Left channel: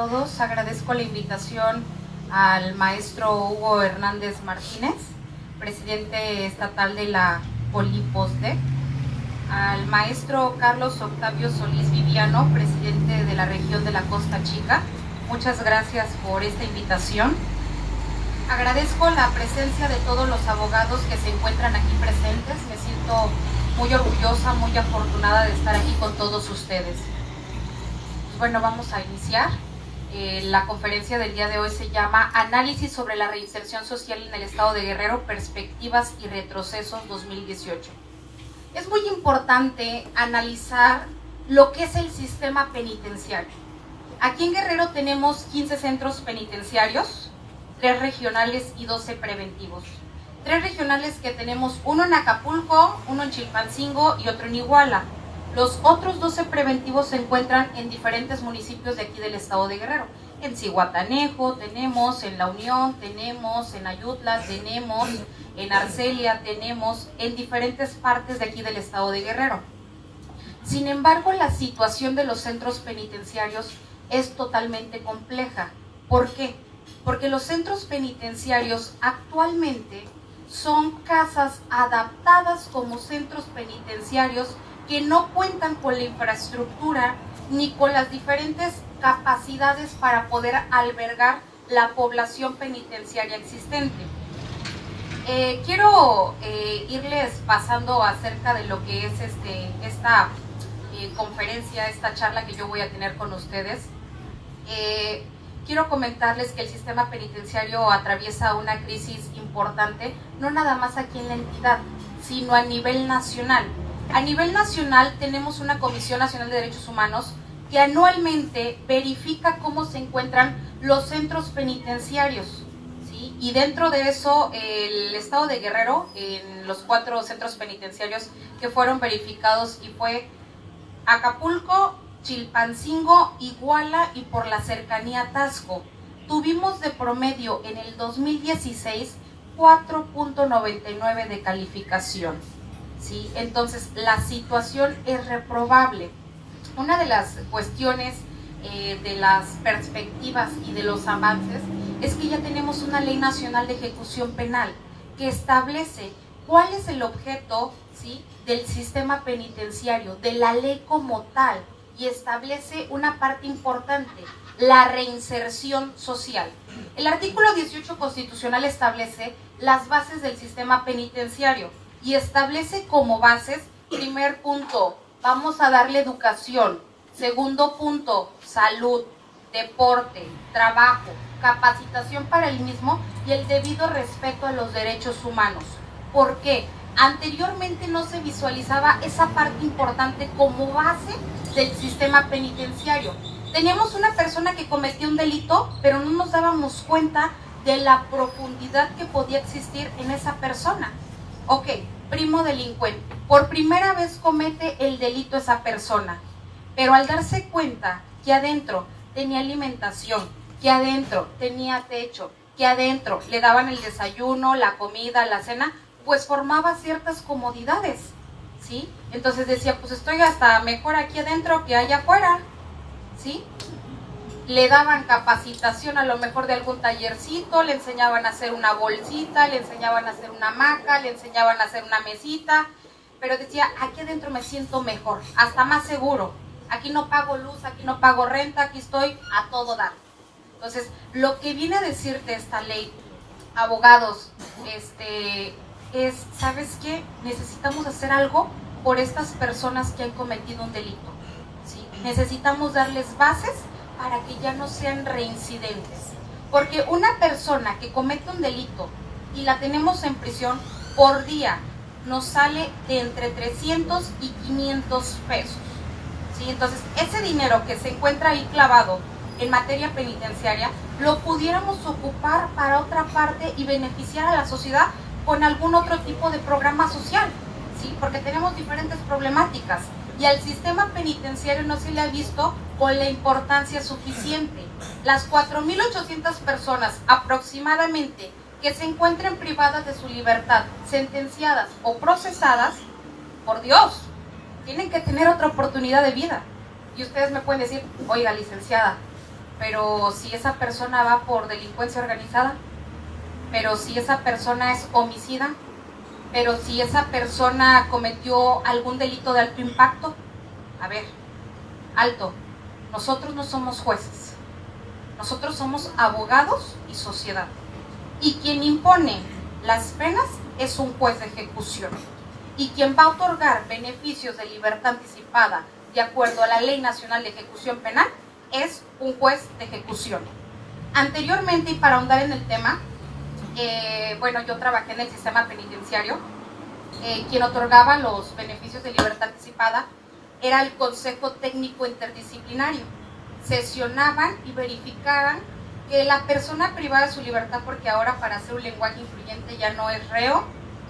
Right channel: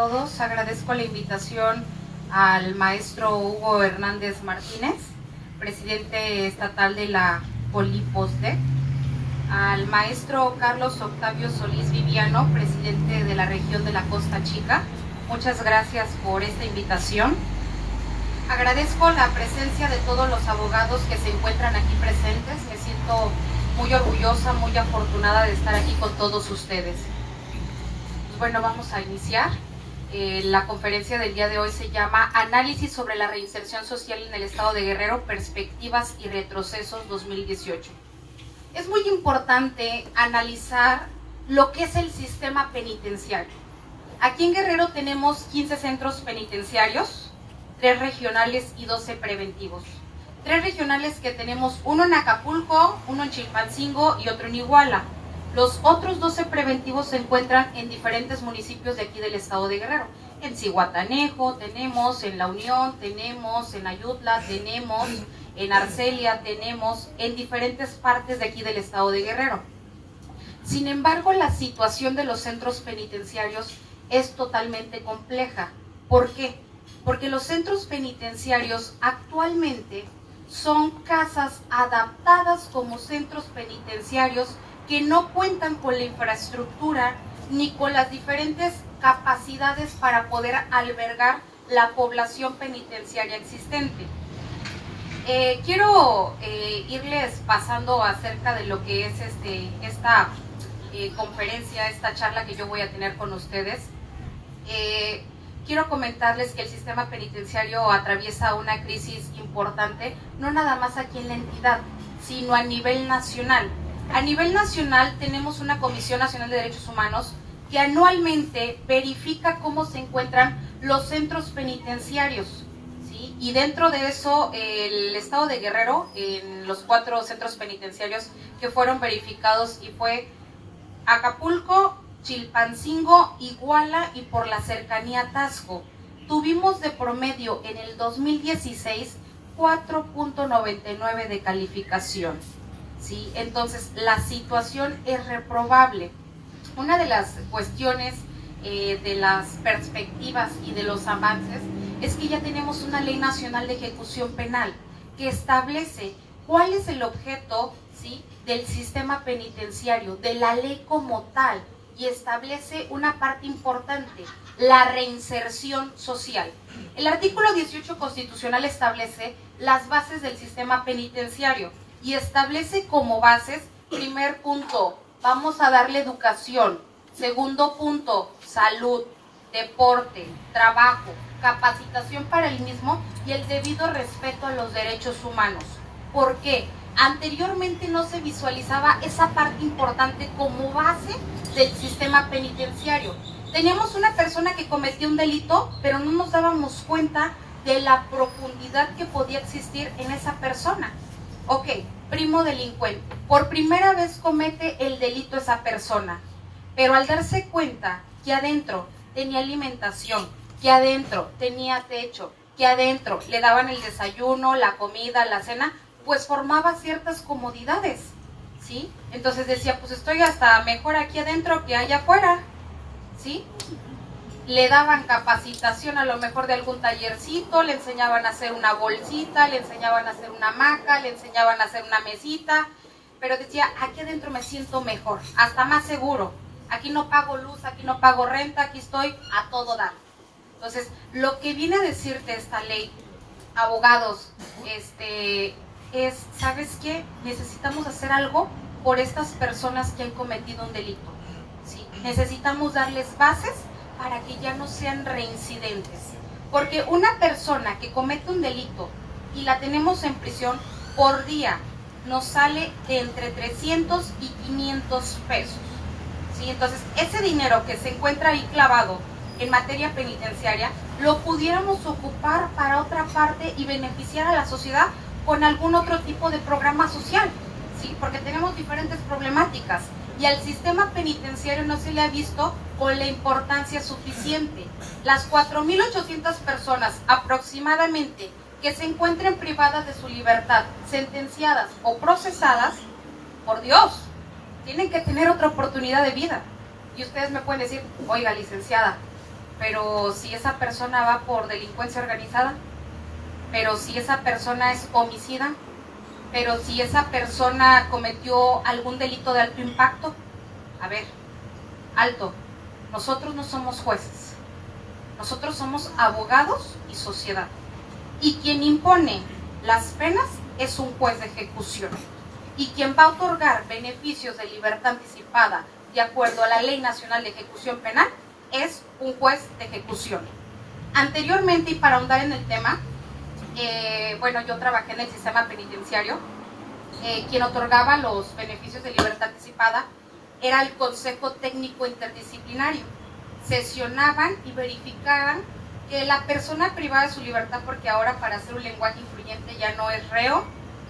Todos, agradezco la invitación al maestro Hugo Hernández Martínez, presidente estatal de la Poliposte, al maestro Carlos Octavio Solís Viviano, presidente de la región de la Costa Chica. Muchas gracias por esta invitación. Agradezco la presencia de todos los abogados que se encuentran aquí presentes. Me siento muy orgullosa, muy afortunada de estar aquí con todos ustedes. Bueno, vamos a iniciar. La conferencia del día de hoy se llama Análisis sobre la reinserción social en el estado de Guerrero, perspectivas y retrocesos 2018. Es muy importante analizar lo que es el sistema penitenciario. Aquí en Guerrero tenemos 15 centros penitenciarios, 3 regionales y 12 preventivos. 3 regionales que tenemos, uno en Acapulco, uno en Chilpancingo y otro en Iguala. Los otros 12 preventivos se encuentran en diferentes municipios de aquí del estado de Guerrero. En Zihuatanejo tenemos, en La Unión tenemos, en Ayutla tenemos, en Arcelia tenemos, en diferentes partes de aquí del estado de Guerrero. Sin embargo, la situación de los centros penitenciarios es totalmente compleja. ¿Por qué? Porque los centros penitenciarios actualmente son casas adaptadas como centros penitenciarios que no cuentan con la infraestructura ni con las diferentes capacidades para poder albergar la población penitenciaria existente. Quiero irles pasando acerca de lo que es esta conferencia, esta charla que yo voy a tener con ustedes. Quiero comentarles que el sistema penitenciario atraviesa una crisis importante, no nada más aquí en la entidad, sino a nivel nacional. A nivel nacional tenemos una Comisión Nacional de Derechos Humanos que anualmente verifica cómo se encuentran los centros penitenciarios, ¿sí? Y dentro de eso el estado de Guerrero, en los 4 centros penitenciarios que fueron verificados, y fue Acapulco, Chilpancingo, Iguala y por la cercanía Taxco, tuvimos de promedio en el 2016 4.99 de calificación. ¿Sí? Entonces, la situación es reprobable. Una de las cuestiones de las perspectivas y de los avances es que ya tenemos una ley nacional de ejecución penal que establece cuál es el objeto, ¿sí?, del sistema penitenciario, de la ley como tal, y establece una parte importante, la reinserción social. El artículo 18 constitucional establece las bases del sistema penitenciario y establece como bases: primer punto, vamos a darle educación; segundo punto, salud, deporte, trabajo, capacitación para el mismo y el debido respeto a los derechos humanos. ¿Por qué? Anteriormente no se visualizaba esa parte importante como base del sistema penitenciario. Teníamos una persona que cometía un delito, pero no nos dábamos cuenta de la profundidad que podía existir en esa persona. Ok, primo delincuente, por primera vez comete el delito esa persona, pero al darse cuenta que adentro tenía alimentación, que adentro tenía techo, que adentro le daban el desayuno, la comida, la cena, pues formaba ciertas comodidades, ¿sí? Entonces decía, pues estoy hasta mejor aquí adentro que allá afuera, ¿sí? Le daban capacitación a lo mejor de algún tallercito, le enseñaban a hacer una bolsita, le enseñaban a hacer una hamaca, le enseñaban a hacer una mesita, pero decía, aquí adentro me siento mejor, hasta más seguro, aquí no pago luz, aquí no pago renta, aquí estoy a todo dar. Entonces, lo que viene a decirte esta ley, abogados, es, ¿sabes qué? Necesitamos hacer algo por estas personas que han cometido un delito, ¿sí? Necesitamos darles bases para que ya no sean reincidentes. Porque una persona que comete un delito y la tenemos en prisión, por día nos sale de entre 300 y 500 pesos. ¿Sí? Entonces, ese dinero que se encuentra ahí clavado en materia penitenciaria, lo pudiéramos ocupar para otra parte y beneficiar a la sociedad con algún otro tipo de programa social, ¿sí? Porque tenemos diferentes problemáticas y al sistema penitenciario no se le ha visto con la importancia suficiente. Las 4.800 personas aproximadamente que se encuentren privadas de su libertad, sentenciadas o procesadas, por Dios, tienen que tener otra oportunidad de vida. Y ustedes me pueden decir, oiga, licenciada, pero si esa persona va por delincuencia organizada, pero si esa persona es homicida, pero si esa persona cometió algún delito de alto impacto, a ver, alto, nosotros no somos jueces, nosotros somos abogados y sociedad, y quien impone las penas es un juez de ejecución, y quien va a otorgar beneficios de libertad anticipada de acuerdo a la Ley Nacional de Ejecución Penal es un juez de ejecución. Anteriormente, y para ahondar en el tema, bueno, yo trabajé en el sistema penitenciario, quien otorgaba los beneficios de libertad anticipada era el Consejo Técnico Interdisciplinario. Sesionaban y verificaban que la persona privada de su libertad, porque ahora para hacer un lenguaje influyente ya no es reo,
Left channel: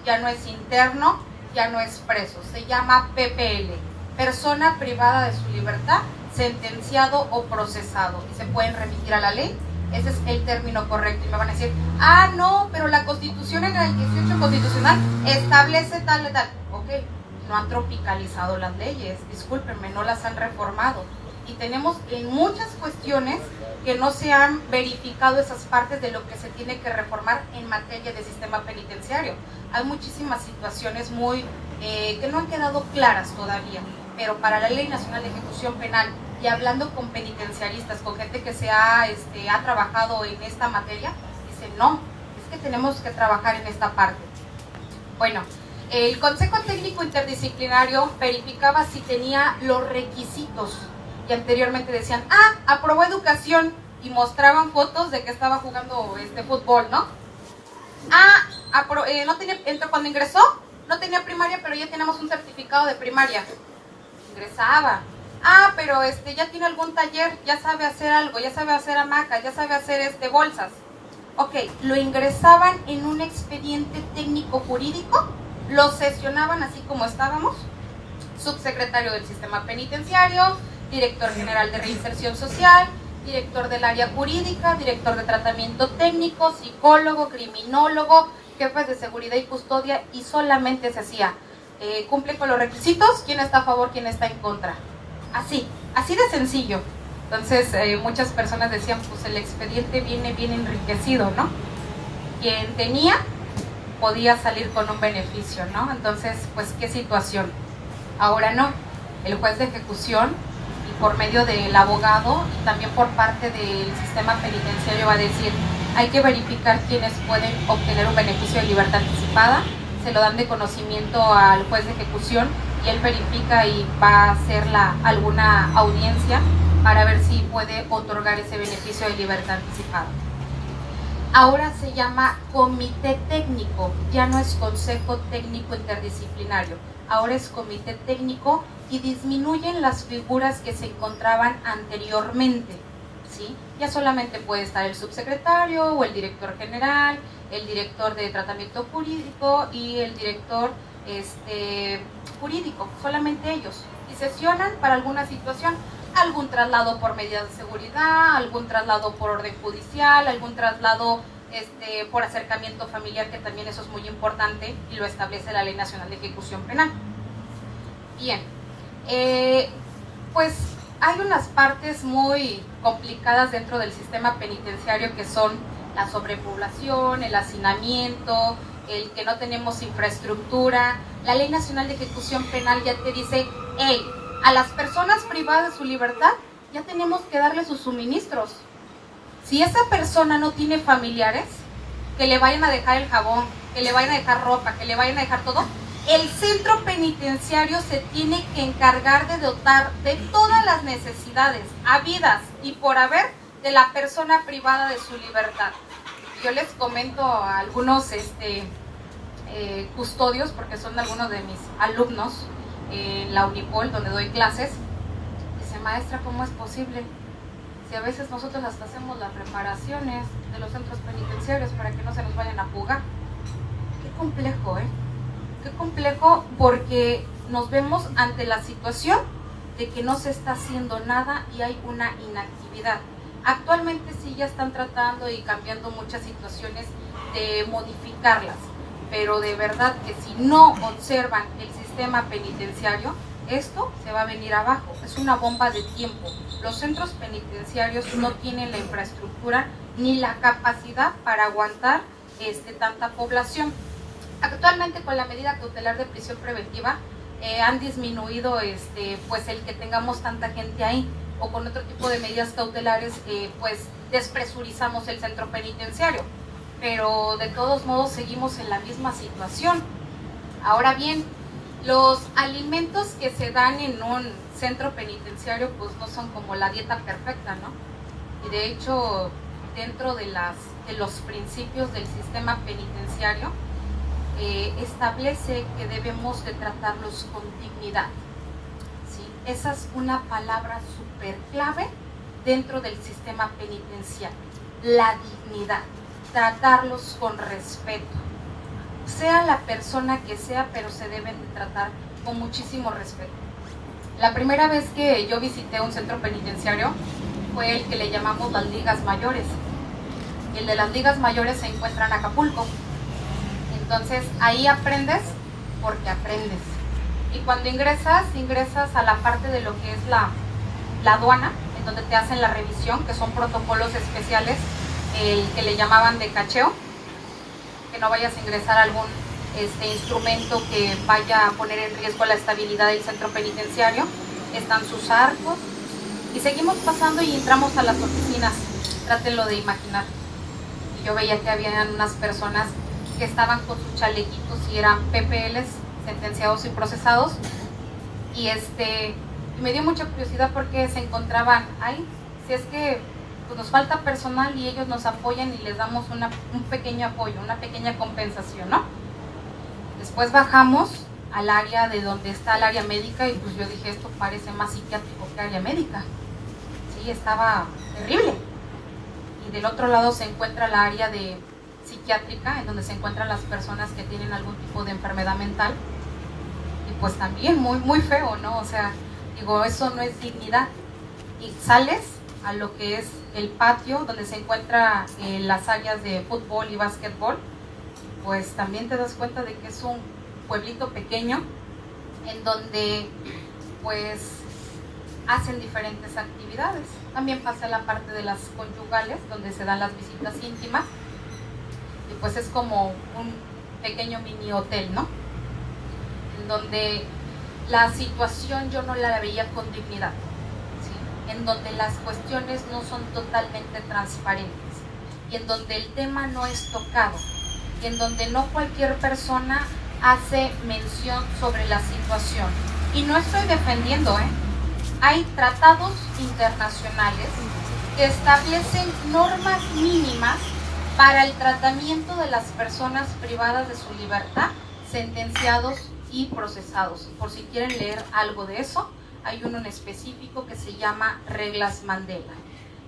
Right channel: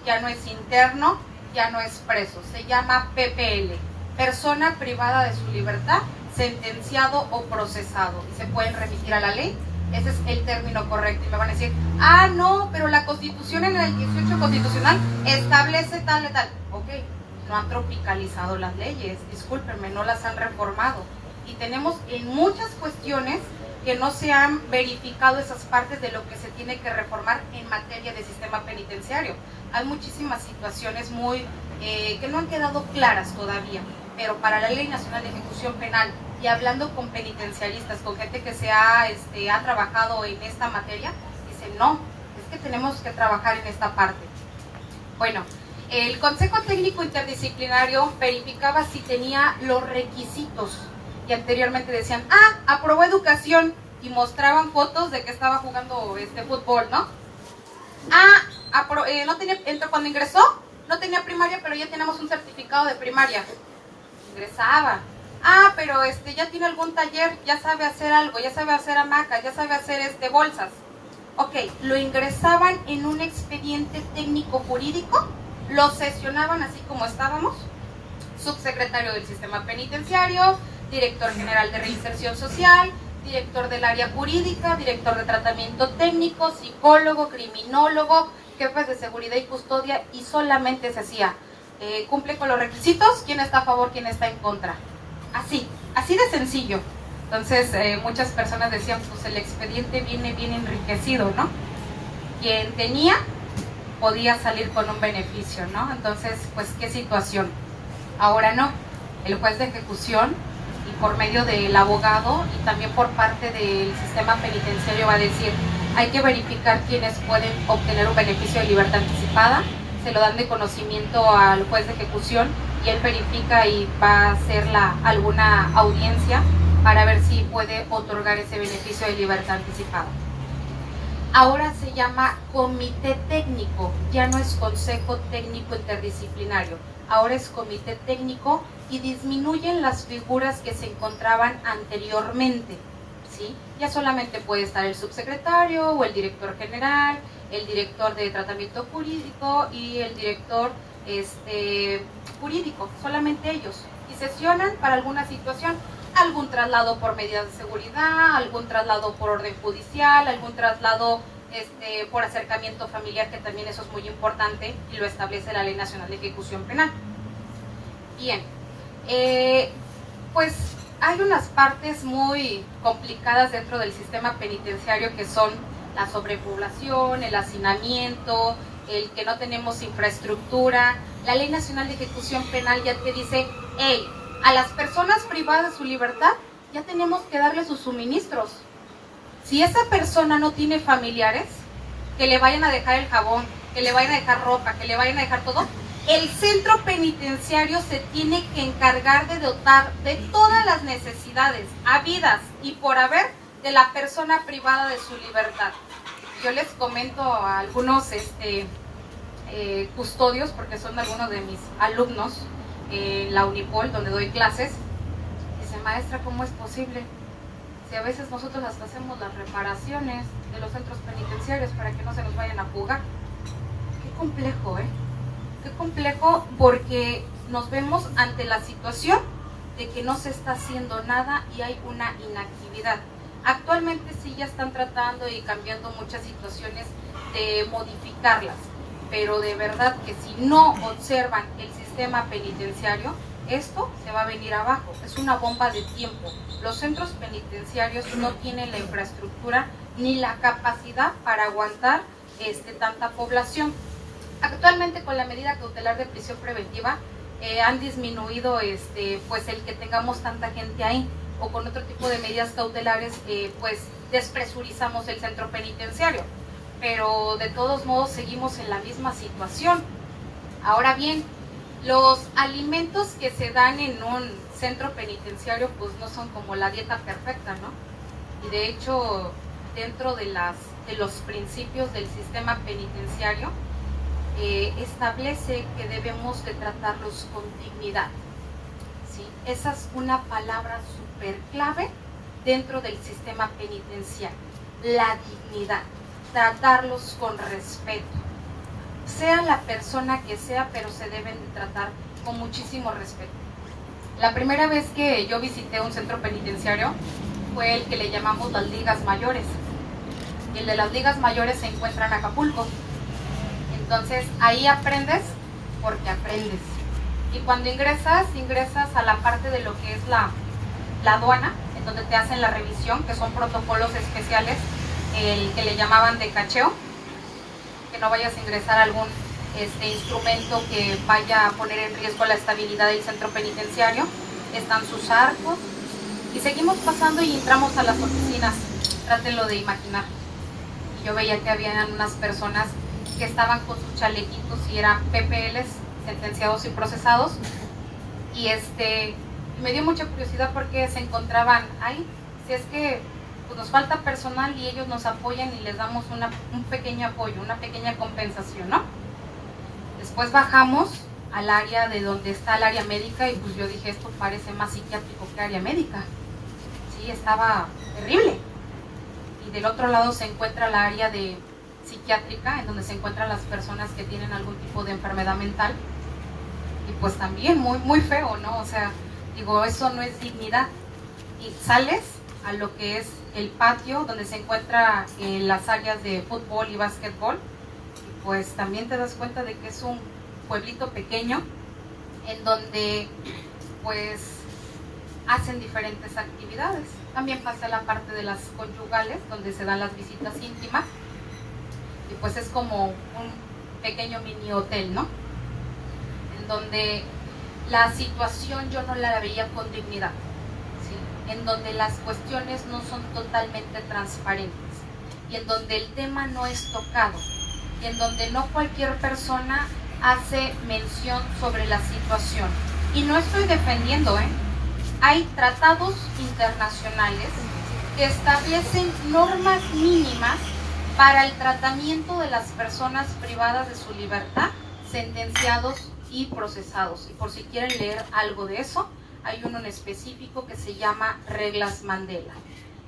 ya no es interno, ya no es preso, se llama PPL, persona privada de su libertad, sentenciado o procesado, y se pueden remitir a la ley. Ese es el término correcto. Y me van a decir, ah, no, pero la Constitución en el 18 constitucional establece tal. Ok, no han tropicalizado las leyes, discúlpenme, no las han reformado. Y tenemos en muchas cuestiones que no se han verificado esas partes de lo que se tiene que reformar en materia de sistema penitenciario. Hay muchísimas situaciones que no han quedado claras todavía, pero para la Ley Nacional de Ejecución Penal, y hablando con penitenciaristas, con gente que ha trabajado en esta materia, dicen, no, es que tenemos que trabajar en esta parte. Bueno, el Consejo Técnico Interdisciplinario verificaba si tenía los requisitos, y anteriormente decían, aprobó educación, y mostraban fotos de que estaba jugando fútbol, ¿no? No tenía, cuando ingresó, no tenía primaria, pero ya tenemos un certificado de primaria. Ingresaba. Pero ya tiene algún taller, ya sabe hacer algo, ya sabe hacer hamacas, ya sabe hacer bolsas. Ok, lo ingresaban en un expediente técnico jurídico, lo sesionaban así como estábamos, subsecretario del sistema penitenciario, director general de reinserción social, director del área jurídica, director de tratamiento técnico, psicólogo, criminólogo, jefes de seguridad y custodia, y solamente se hacía, cumple con los requisitos, quién está a favor, quién está en contra. Así de sencillo. Entonces, muchas personas decían, pues el expediente viene bien enriquecido, ¿no? Quien tenía, podía salir con un beneficio, ¿no? Entonces, pues, ¿qué situación? Ahora no. El juez de ejecución, y por medio del abogado, y también por parte del sistema penitenciario, va a decir, hay que verificar quiénes pueden obtener un beneficio de libertad anticipada, se lo dan de conocimiento al juez de ejecución, y él verifica y va a hacer alguna audiencia para ver si puede otorgar ese beneficio de libertad anticipada. Ahora se llama comité técnico, ya no es consejo técnico interdisciplinario, ahora es comité técnico, y disminuyen las figuras que se encontraban anteriormente, ¿sí? Ya solamente puede estar el subsecretario o el director general, el director de tratamiento jurídico y el director jurídico, solamente ellos, y sesionan para alguna situación, algún traslado por medidas de seguridad, algún traslado por orden judicial, algún traslado por acercamiento familiar, que también eso es muy importante y lo establece la Ley Nacional de Ejecución Penal. Bien, pues hay unas partes muy complicadas dentro del sistema penitenciario, que son la sobrepoblación, el hacinamiento, el que no tenemos infraestructura. La Ley Nacional de Ejecución Penal ya te dice, hey, a las personas privadas de su libertad ya tenemos que darle sus suministros. Si esa persona no tiene familiares que le vayan a dejar el jabón, que le vayan a dejar ropa, que le vayan a dejar todo, el centro penitenciario se tiene que encargar de dotar de todas las necesidades habidas y por haber de la persona privada de su libertad. Yo les comento a algunos custodios, porque son algunos de mis alumnos en la Unipol, donde doy clases. Dice, maestra, ¿cómo es posible? Si a veces nosotros hasta hacemos las reparaciones de los centros penitenciarios para que no se nos vayan a fugar. Qué complejo, Qué complejo, porque nos vemos ante la situación de que no se está haciendo nada y hay una inactividad. Actualmente sí ya están tratando y cambiando muchas situaciones de modificarlas, pero de verdad que si no observan el sistema penitenciario, esto se va a venir abajo, es una bomba de tiempo. Los centros penitenciarios no tienen la infraestructura ni la capacidad para aguantar tanta población. Actualmente con la medida cautelar de prisión preventiva han disminuido pues el que tengamos tanta gente ahí, o con otro tipo de medidas cautelares pues despresurizamos el centro penitenciario, pero de todos modos seguimos en la misma situación. Ahora bien, los alimentos que se dan en un centro penitenciario pues no son como la dieta perfecta, ¿no? Y de hecho, dentro de los principios del sistema penitenciario, establece que debemos de tratarlos con dignidad, ¿sí? Esa es una palabra súper clave dentro del sistema penitenciario, la dignidad, tratarlos con respeto, sea la persona que sea, pero se deben de tratar con muchísimo respeto. La primera vez que yo visité un centro penitenciario fue el que le llamamos las ligas mayores. El de las ligas mayores se encuentra en Acapulco. Entonces ahí aprendes porque aprendes. Y cuando ingresas a la parte de lo que es la aduana, en donde te hacen la revisión, que son protocolos especiales, el que le llamaban de cacheo, que no vayas a ingresar algún instrumento que vaya a poner en riesgo la estabilidad del centro penitenciario. Están sus arcos y seguimos pasando y entramos a las oficinas. Trátenlo de imaginar. Y yo veía que había unas personas que estaban con sus chalequitos y eran PPLs, sentenciados y procesados, y me dio mucha curiosidad porque se encontraban ahí. Si es que pues nos falta personal y ellos nos apoyan y les damos un pequeño apoyo, una pequeña compensación, ¿no? Después bajamos al área de donde está el área médica y pues yo dije, esto parece más psiquiátrico que área médica. Sí, estaba terrible. Y del otro lado se encuentra la área de psiquiátrica, en donde se encuentran las personas que tienen algún tipo de enfermedad mental, y pues también muy, muy feo, ¿no? O sea, digo, eso no es dignidad. Y sales a lo que es el patio, donde se encuentran las áreas de fútbol y básquetbol, pues también te das cuenta de que es un pueblito pequeño, en donde pues hacen diferentes actividades. También pasa la parte de las conyugales, donde se dan las visitas íntimas, y pues es como un pequeño mini hotel, ¿no? En donde la situación yo no la veía con dignidad, ¿sí? En donde las cuestiones no son totalmente transparentes, y en donde el tema no es tocado, y en donde no cualquier persona hace mención sobre la situación. Y no estoy defendiendo, hay tratados internacionales que establecen normas mínimas para el tratamiento de las personas privadas de su libertad, sentenciados y procesados. Y por si quieren leer algo de eso, hay uno en específico que se llama Reglas Mandela,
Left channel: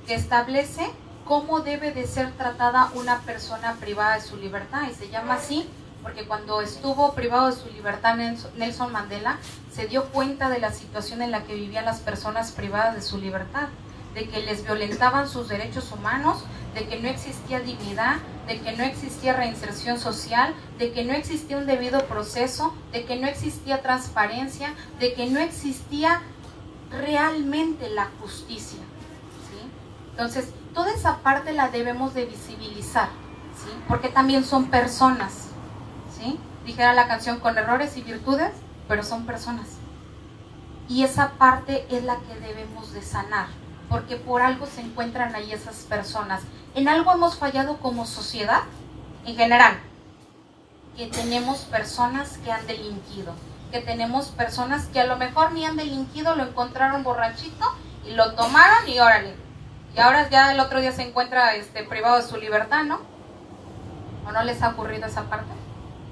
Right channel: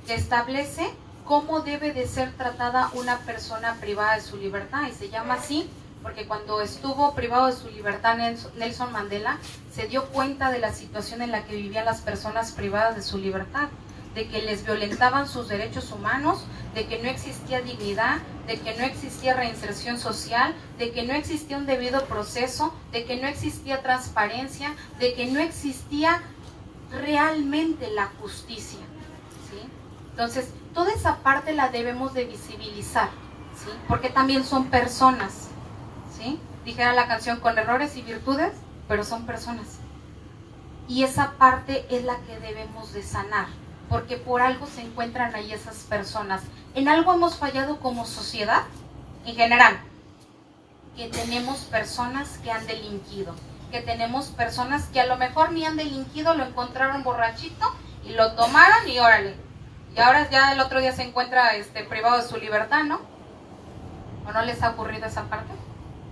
que establece cómo debe de ser tratada una persona privada de su libertad, y se llama así porque cuando estuvo privado de su libertad Nelson Mandela se dio cuenta de la situación en la que vivían las personas privadas de su libertad, de que les violentaban sus derechos humanos, de que no existía dignidad, de que no existía reinserción social, de que no existía un debido proceso, de que no existía transparencia, de que no existía realmente la justicia, ¿sí? Entonces, toda esa parte la debemos de visibilizar, ¿sí? Porque también son personas, ¿sí? Dijera la canción, con errores y virtudes, pero son personas. Y esa parte es la que debemos de sanar, porque por algo se encuentran ahí esas personas. En algo hemos fallado como sociedad, en general, que tenemos personas que han delinquido, que tenemos personas que a lo mejor ni han delinquido, lo encontraron borrachito y lo tomaron y órale. Y ahora ya el otro día se encuentra privado de su libertad, ¿no? ¿O no les ha ocurrido esa parte?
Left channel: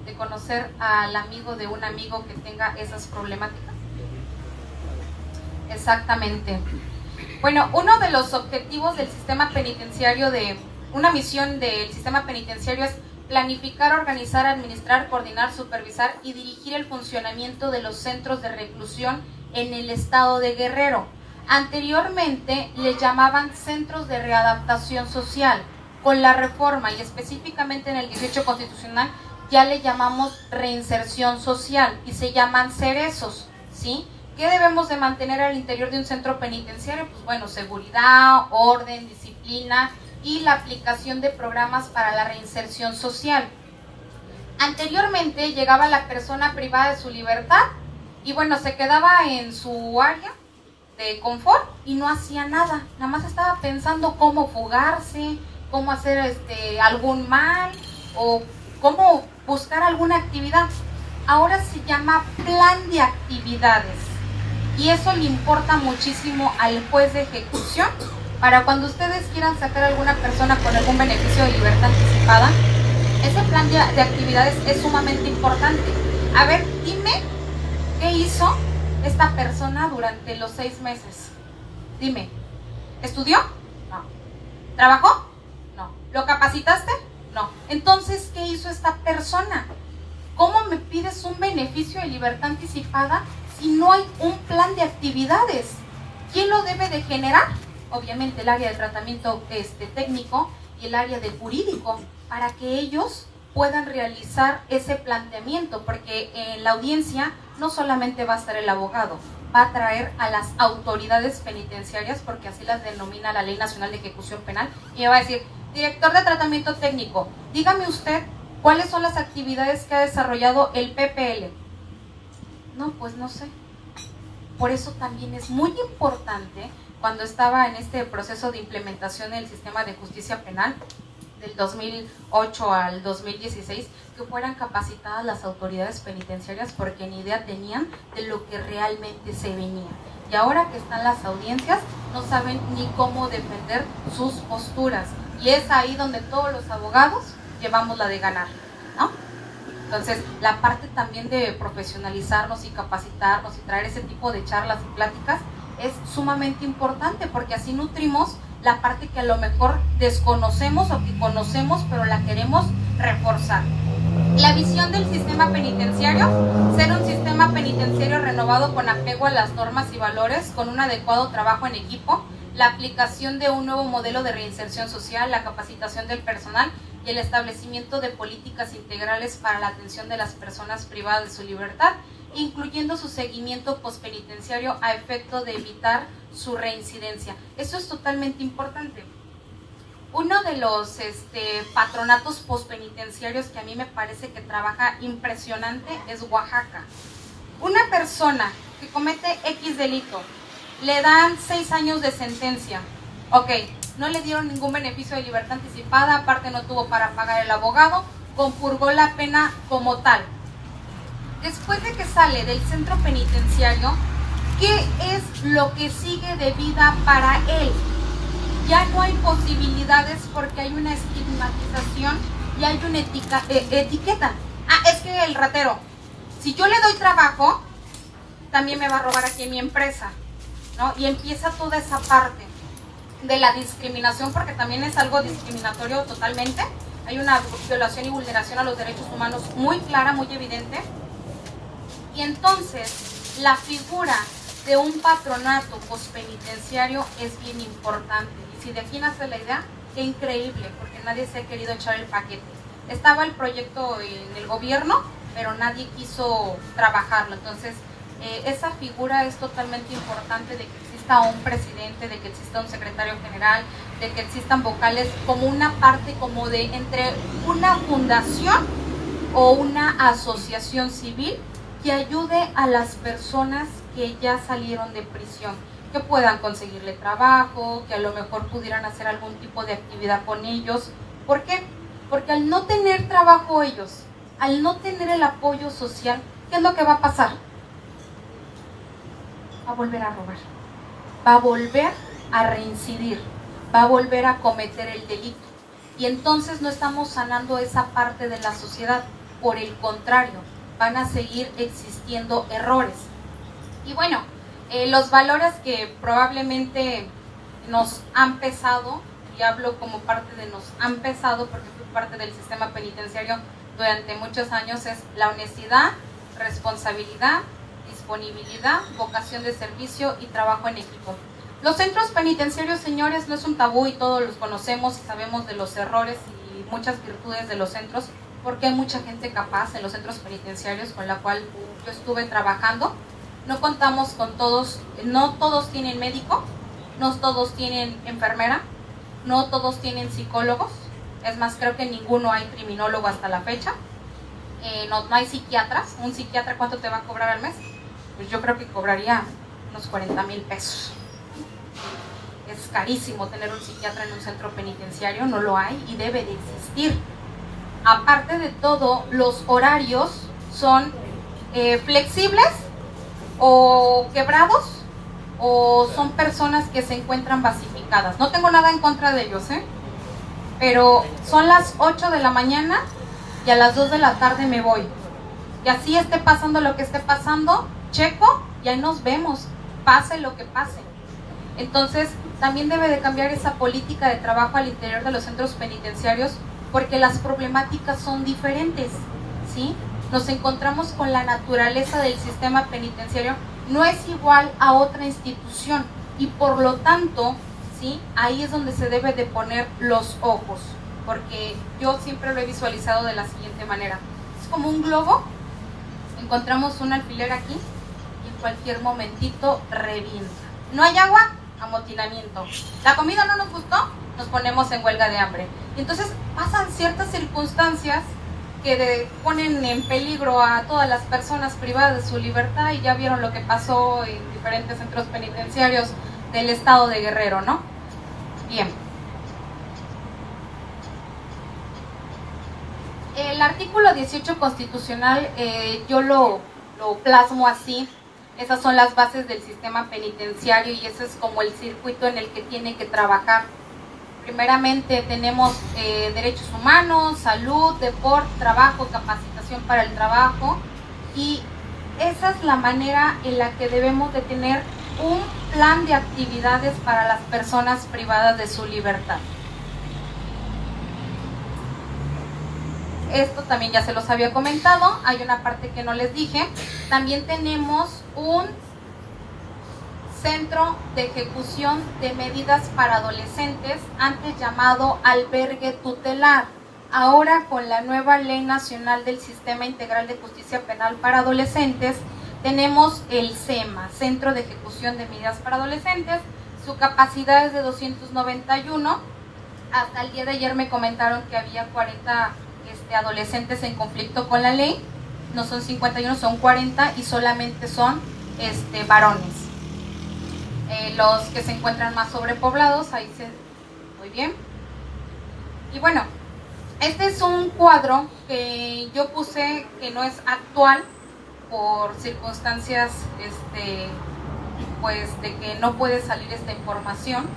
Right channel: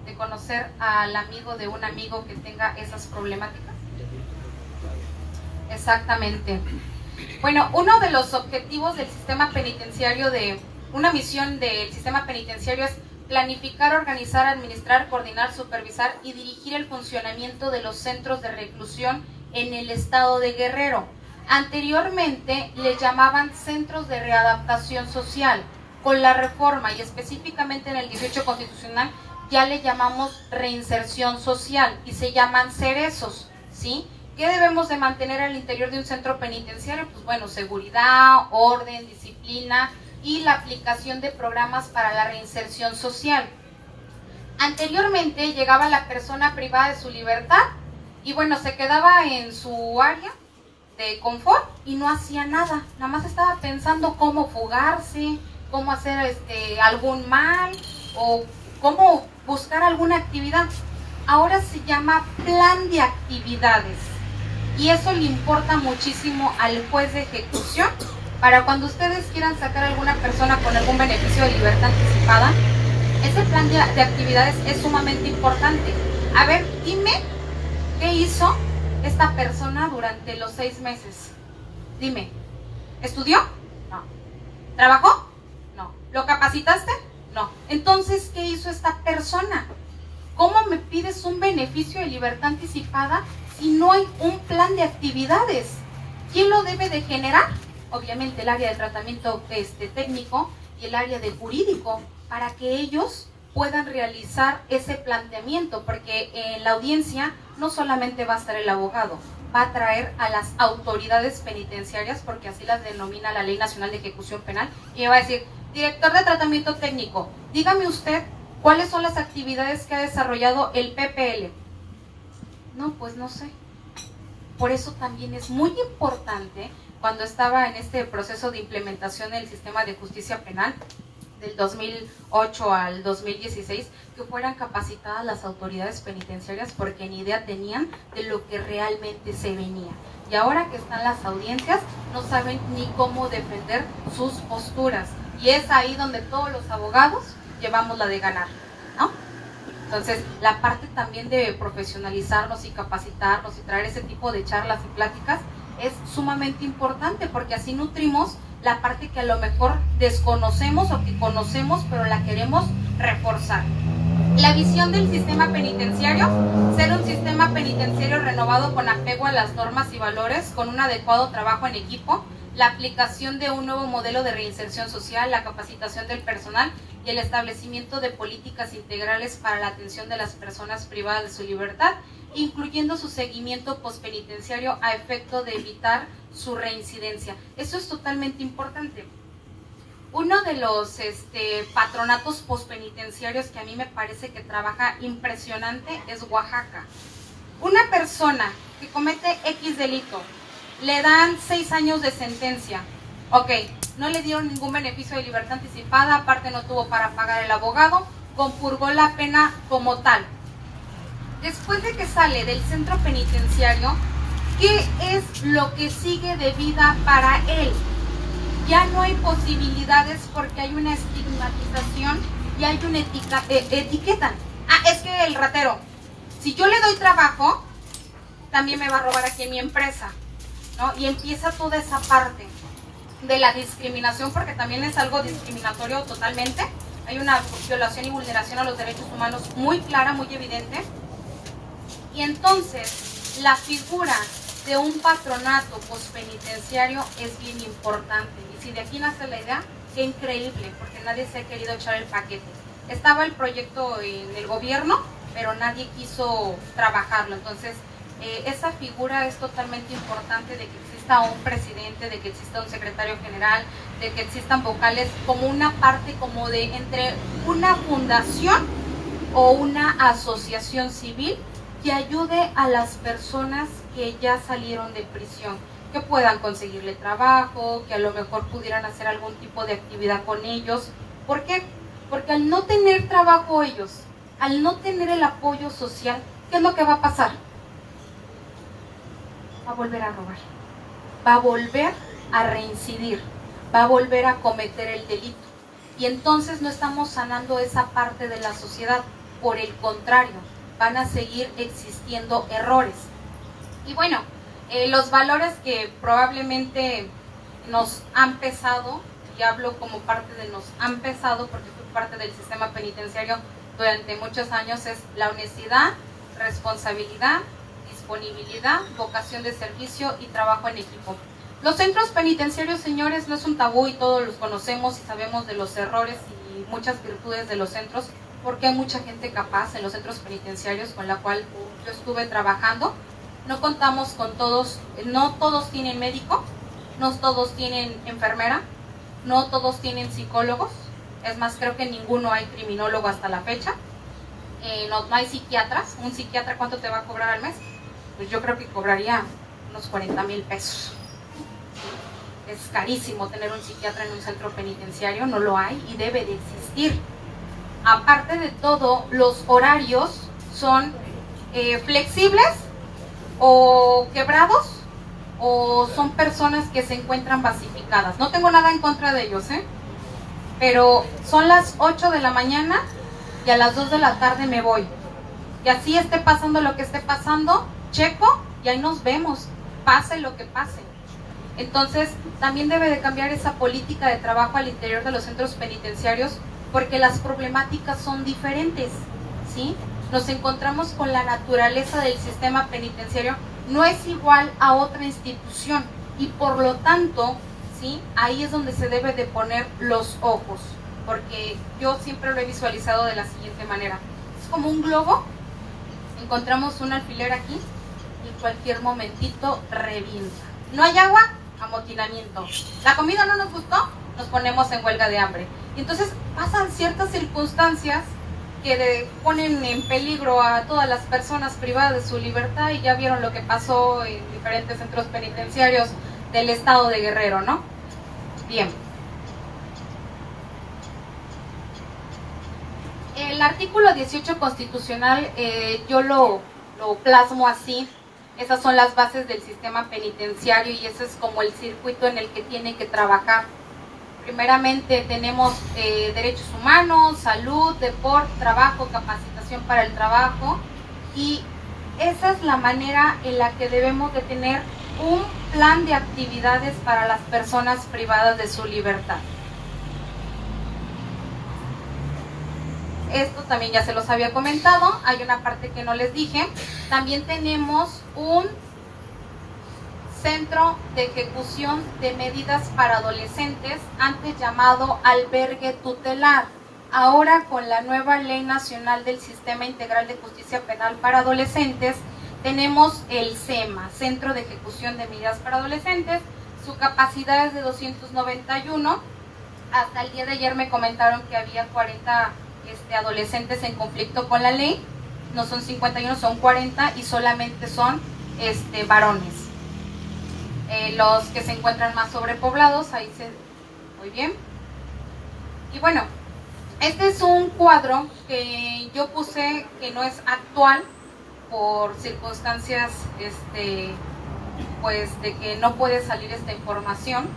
De conocer al amigo de un amigo que tenga esas problemáticas. Exactamente. Bueno, uno de los objetivos del sistema penitenciario, una misión del sistema penitenciario, es planificar, organizar, administrar, coordinar, supervisar y dirigir el funcionamiento de los centros de reclusión en el estado de Guerrero. Anteriormente le llamaban centros de readaptación social. Con la reforma y específicamente en el 18 constitucional ya le llamamos reinserción social y se llaman cerezos, ¿sí? ¿Qué debemos de mantener al interior de un centro penitenciario? Pues bueno, seguridad, orden, disciplina y la aplicación de programas para la reinserción social. Anteriormente llegaba la persona privada de su libertad y bueno, se quedaba en su área de confort y no hacía nada, nada más estaba pensando cómo fugarse, cómo hacer algún mal o cómo buscar alguna actividad. Ahora se llama plan de actividades y eso le importa muchísimo al juez de ejecución para cuando ustedes quieran sacar a alguna persona con algún beneficio de libertad anticipada. Ese plan de actividades es sumamente importante. A ver, dime, ¿qué hizo esta persona durante los 6 meses? Dime, ¿estudió? No. ¿Trabajó? No. ¿Lo capacitaste? No. Entonces, ¿qué hizo esta persona? ¿Cómo me pides un beneficio de libertad anticipada si no hay un plan de actividades? ¿Quién lo debe de generar? Obviamente el área de tratamiento técnico y el área de jurídico, para que ellos puedan realizar ese planteamiento, porque en la audiencia no solamente va a estar el abogado, va a traer a las autoridades penitenciarias, porque así las denomina la Ley Nacional de Ejecución Penal, y me va a decir, director de tratamiento técnico, dígame usted cuáles son las actividades que ha desarrollado el PPL. No, pues no sé. Por eso también es muy importante, cuando estaba en este proceso de implementación del sistema de justicia penal, del 2008 al 2016, que fueran capacitadas las autoridades penitenciarias porque ni idea tenían de lo que realmente se venía. Y ahora que están las audiencias, no saben ni cómo defender sus posturas. Y es ahí donde todos los abogados llevamos la de ganar, ¿no? Entonces, la parte también de profesionalizarnos y capacitarnos y traer ese tipo de charlas y pláticas es sumamente importante, porque así nutrimos la parte que a lo mejor desconocemos o que conocemos, pero la queremos reforzar. La visión del sistema penitenciario: ser un sistema penitenciario renovado con apego a las normas y valores, con un adecuado trabajo en equipo, la aplicación de un nuevo modelo de reinserción social, la capacitación del personal y el establecimiento de políticas integrales para la atención de las personas privadas de su libertad, incluyendo su seguimiento postpenitenciario a efecto de evitar su reincidencia. Eso es totalmente importante. Uno de los patronatos postpenitenciarios que a mí me parece que trabaja impresionante es Oaxaca. Una persona que comete X delito, le dan 6 años de sentencia. Ok, no le dieron ningún beneficio de libertad anticipada, aparte no tuvo para pagar el abogado, compurgó la pena como tal. Después de que sale del centro penitenciario, ¿qué es lo que sigue de vida para él? Ya no hay posibilidades porque hay una estigmatización y hay una etiqueta. Ah, es que el ratero, si yo le doy trabajo, también me va a robar aquí en mi empresa, ¿no? Y empieza toda esa parte de la discriminación, porque también es algo discriminatorio totalmente. Hay una violación y vulneración a los derechos humanos muy clara, muy evidente. Y entonces la figura de un patronato postpenitenciario es bien importante. Y si de aquí nace la idea, qué increíble, porque nadie se ha querido echar el paquete. Estaba el proyecto en el gobierno, pero nadie quiso trabajarlo. Entonces, esa figura es totalmente importante, de que exista un presidente, de que exista un secretario general, de que existan vocales, como una parte como de entre una fundación o una asociación civil que ayude a las personas que ya salieron de prisión, que puedan conseguirle trabajo, que a lo mejor pudieran hacer algún tipo de actividad con ellos. ¿Por qué? Porque al no tener trabajo ellos, al no tener el apoyo social, ¿qué es lo que va a pasar? Va a volver a robar, va a volver a reincidir, va a volver a cometer el delito. Y entonces no estamos sanando esa parte de la sociedad, por el contrario, van a seguir existiendo errores. Y bueno, los valores que probablemente nos han pesado, y hablo como parte de nos han pesado porque fui parte del sistema penitenciario durante muchos años, es la honestidad, responsabilidad, disponibilidad, vocación de servicio y trabajo en equipo. Los centros penitenciarios, señores, no es un tabú y todos los conocemos y sabemos de los errores y muchas virtudes de los centros, porque hay mucha gente capaz en los centros penitenciarios con la cual yo estuve trabajando, no contamos con todos, no todos tienen médico, no todos tienen enfermera, no todos tienen psicólogos, es más, creo que ninguno hay criminólogo hasta la fecha, no hay psiquiatras. Un psiquiatra, ¿cuánto te va a cobrar al mes? Pues yo creo que cobraría unos 40,000 pesos. Es carísimo tener un psiquiatra en un centro penitenciario, no lo hay y debe de existir. Aparte de todo, los horarios son flexibles o quebrados, o son personas que se encuentran basificadas. No tengo nada en contra de ellos, pero son las 8 de la mañana y a las 2 de la tarde me voy. Y así esté pasando lo que esté pasando, checo y ahí nos vemos, pase lo que pase. Entonces, también debe de cambiar esa política de trabajo al interior de los centros penitenciarios, porque las problemáticas son diferentes, ¿sí? Nos encontramos con la naturaleza del sistema penitenciario, no es igual a otra institución y por lo tanto, ¿sí? Ahí es donde se debe de poner los ojos, porque yo siempre lo he visualizado de la siguiente manera. Es como un globo, encontramos un alfiler aquí y en cualquier momentito revienta. No hay agua, amotinamiento. La comida no nos gustó, nos ponemos en huelga de hambre. Y entonces pasan ciertas circunstancias que ponen en peligro a todas las personas privadas de su libertad, y ya vieron lo que pasó en diferentes centros penitenciarios del estado de Guerrero, ¿no? Bien. El artículo 18 constitucional, yo lo plasmo así. Esas son las bases del sistema penitenciario y ese es como el circuito en el que tiene que trabajar. Primeramente tenemos derechos humanos, salud, deporte, trabajo, capacitación para el trabajo, y esa es la manera en la que debemos de tener un plan de actividades para las personas privadas de su libertad. Esto también ya se los había comentado, hay una parte que no les dije. También tenemos un centro de ejecución de medidas para adolescentes, antes llamado albergue tutelar. Ahora, con la nueva Ley Nacional del Sistema Integral de Justicia Penal para Adolescentes, tenemos el CEMA, Centro de Ejecución de Medidas para Adolescentes. Su capacidad es de 291. Hasta el día de ayer me comentaron que había 40 adolescentes en conflicto con la ley. No son 51, son 40 y solamente son varones. Los que se encuentran más sobrepoblados, ahí se... Muy bien. Y bueno, este es un cuadro que yo puse que no es actual por circunstancias pues de que no puede salir esta información.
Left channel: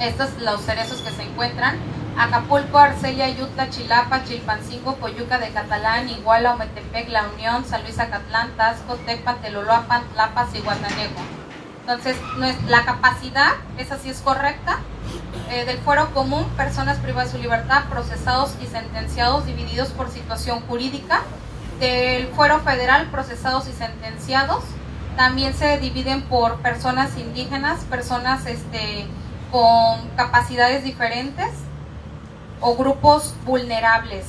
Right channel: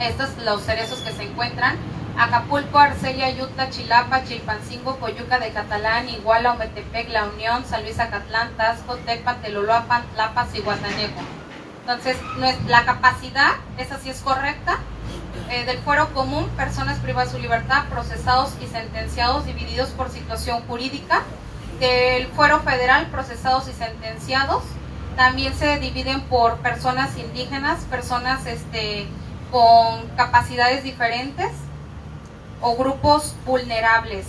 Estos son los cerezos que se encuentran: Acapulco, Arcelia, Utah, Chilapa, Chilpancingo, Coyuca de Catalán, Iguala, Ometepec, La Unión, San Luis Acatlán, Taxco, Tecpan, Teloloapan, Tlapas y Guatanejo. Entonces, la capacidad, esa sí es correcta. Del fuero común, personas privadas de su libertad, procesados y sentenciados divididos por situación jurídica. Del fuero federal, procesados y sentenciados. También se dividen por personas indígenas, personas con capacidades diferentes o grupos vulnerables.